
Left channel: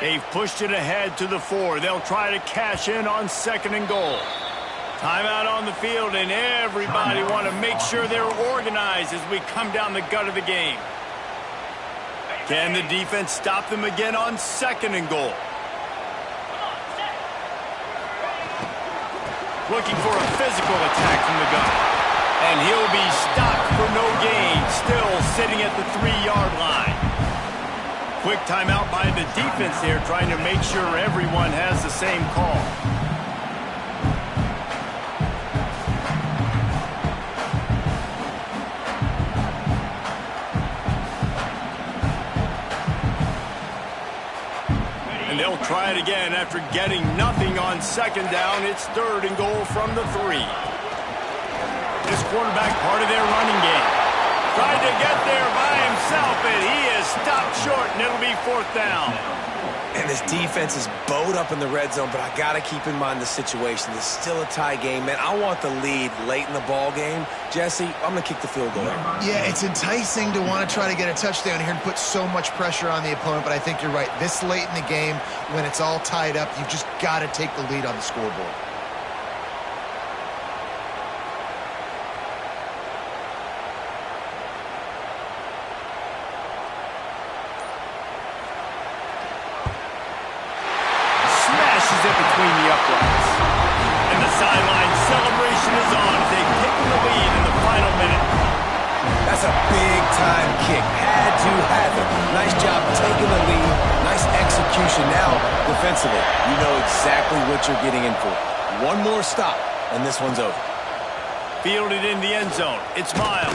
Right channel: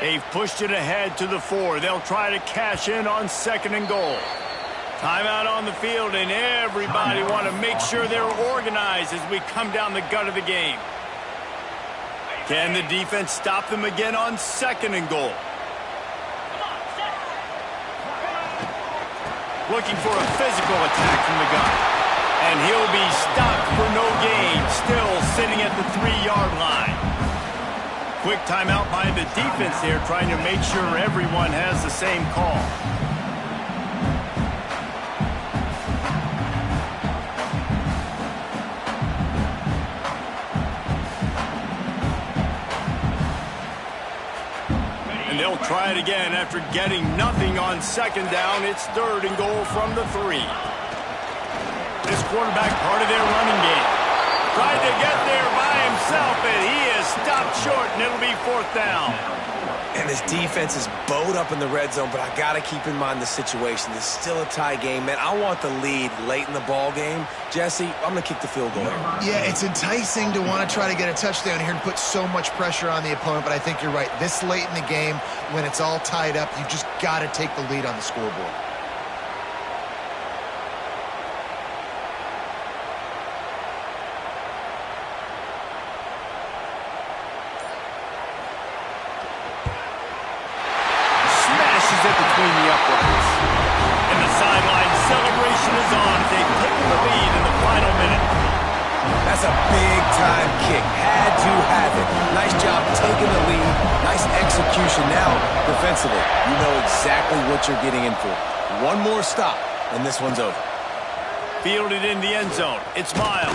They've pushed it ahead to the 4. They'll try to cash in on 2nd and goal. Timeout on the field, and everybody want to make sure they're organized as we come down the gut of the game. Can the defense stop them again on 2nd and goal? Looking for a physical attack from the gun. And he'll be stopped for no gain, still sitting at the 3-yard line. Quick timeout by the defense there, trying to make sure everyone has the same call. And they'll try it again after getting nothing on 2nd down. It's 3rd and goal from the 3. This quarterback part of their running game. Tried to get there by himself, and he is stopped short, and it'll be 4th down. And this defense is bowed up in the red zone, but I got to keep in mind the situation. This is still a tie game, man. I want the lead late in the ball game. Jesse, I'm going to kick the field goal here. Yeah, it's enticing to want to try to get a touchdown here and put so much pressure on the opponent, but I think you're right. This late in the game, when it's all tied up, you've just got to take the lead on the scoreboard. It between the uprights. And the sideline celebration is on as they've taken the lead in the final minute. That's a big-time kick. Had to have it. Nice job taking the lead. Nice execution. Now, defensively, you know exactly what you're getting in for. One more stop, and this one's over. Fielded in the end zone. It's Miles.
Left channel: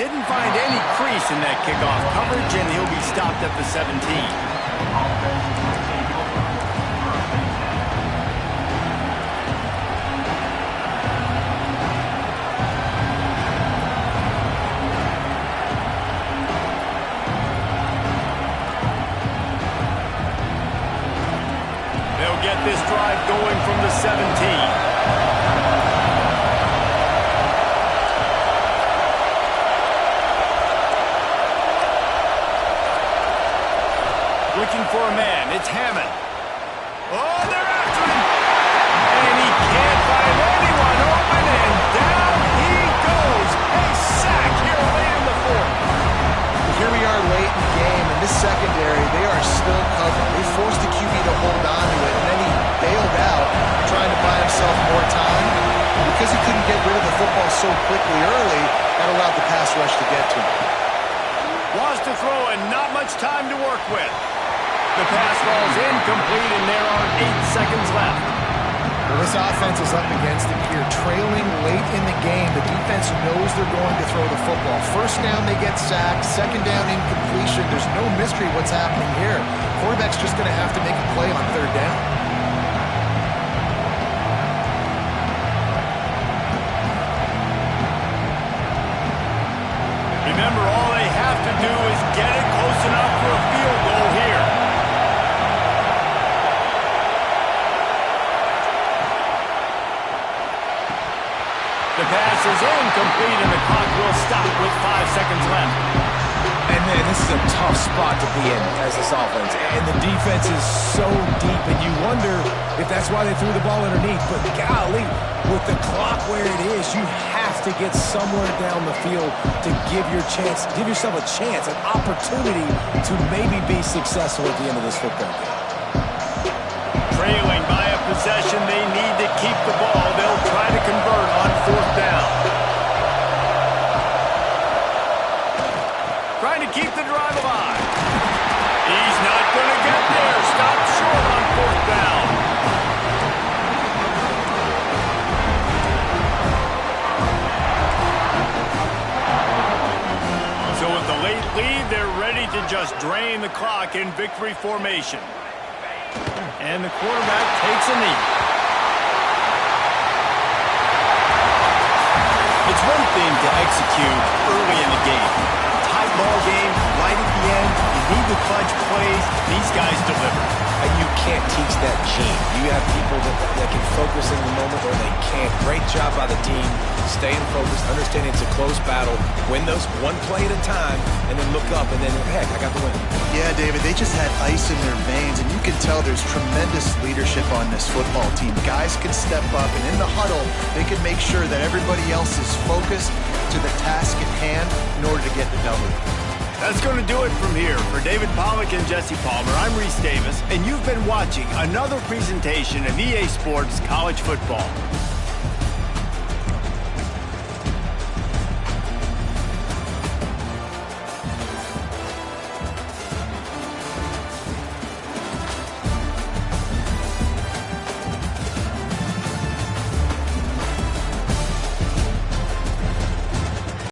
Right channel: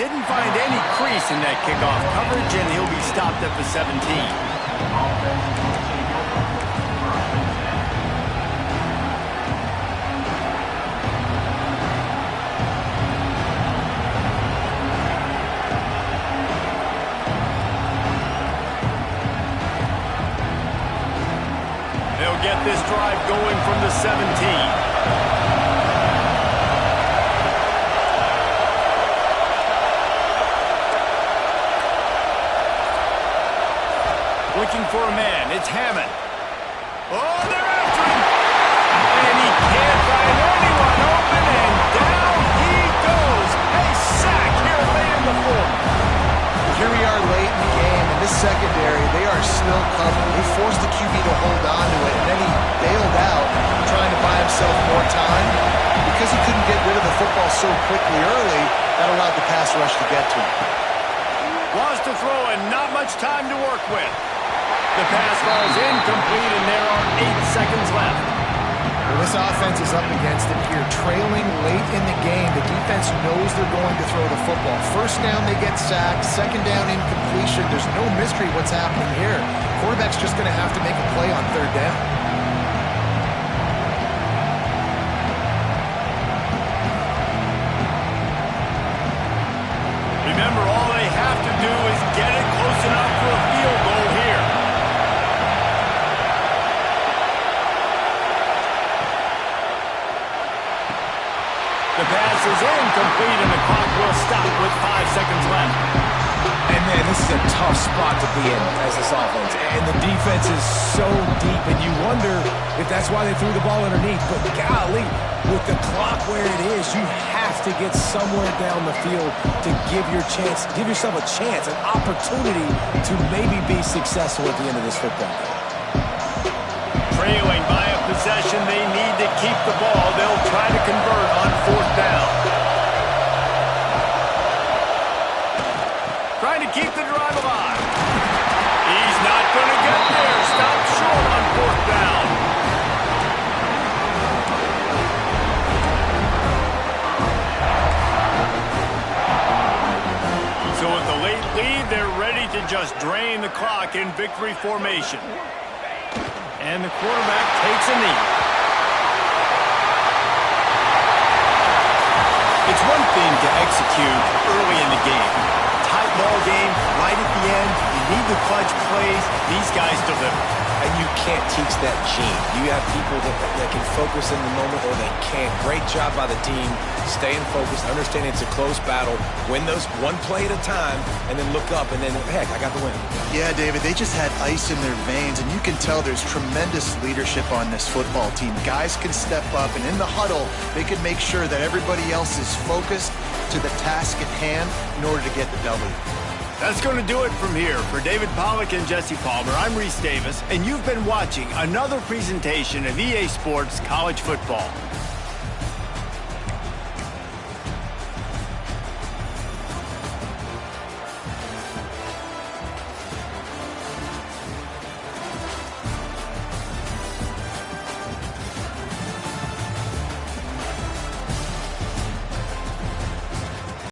Didn't find any crease in that kickoff coverage, and he'll be stopped at the 17. They'll get this drive going from the 17. Looking for a man. It's Hammond. Oh, they're after him. And he can't find anyone open, and down he goes. A sack here late in the 4th. Here we are late in the game, and this secondary, they are still covered. They forced the QB to hold on to it, and then he bailed out, trying to buy himself more time. Because he couldn't get rid of the football so quickly early, that allowed the pass rush to get to him. Wants to throw and not much time to work with. The pass falls incomplete, and there are 8 seconds left. Well, this offense is up against it here. Trailing late in the game, the defense knows they're going to throw the football. First down, they get sacked. Second down, incompletion. There's no mystery what's happening here. Quarterback's just going to have to make a play on third down. Remember, all they have to do is get it close enough for a field goal here. The pass is incomplete, and the clock will stop with 5 seconds left. And, man, this is a tough spot to be in as this offense. And the defense is so deep, and you wonder if that's why they threw the ball underneath. But, golly, with the clock where it is, you have to get somewhere down the field to give yourself a chance, an opportunity to maybe be successful at the end of this football game. Trailing by a possession, they need to keep the ball. They'll try to convert on 4th down. Trying to keep the drive alive. He's not going to get there. Stopped short on 4th down. So with the late lead, they're ready to just drain the clock in victory formation. And the quarterback takes a knee. It's one thing to execute early in the game. Tight ball game, right at the end. You need the clutch plays. These guys deliver. And you can't teach that gene. You have people that can focus in the moment or they can't. Great job by the team, staying focused, understanding it's a close battle, win those one play at a time, and then look up, and then, heck, I got the win. Yeah, David, they just had ice in their veins, and you can tell there's tremendous leadership on this football team. Guys can step up, and in the huddle, they can make sure that everybody else is focused to the task at hand in order to get the W. That's going to do it from here. For David Pollack and Jesse Palmer, I'm Reese Davis, and you've been watching another presentation of EA Sports College Football.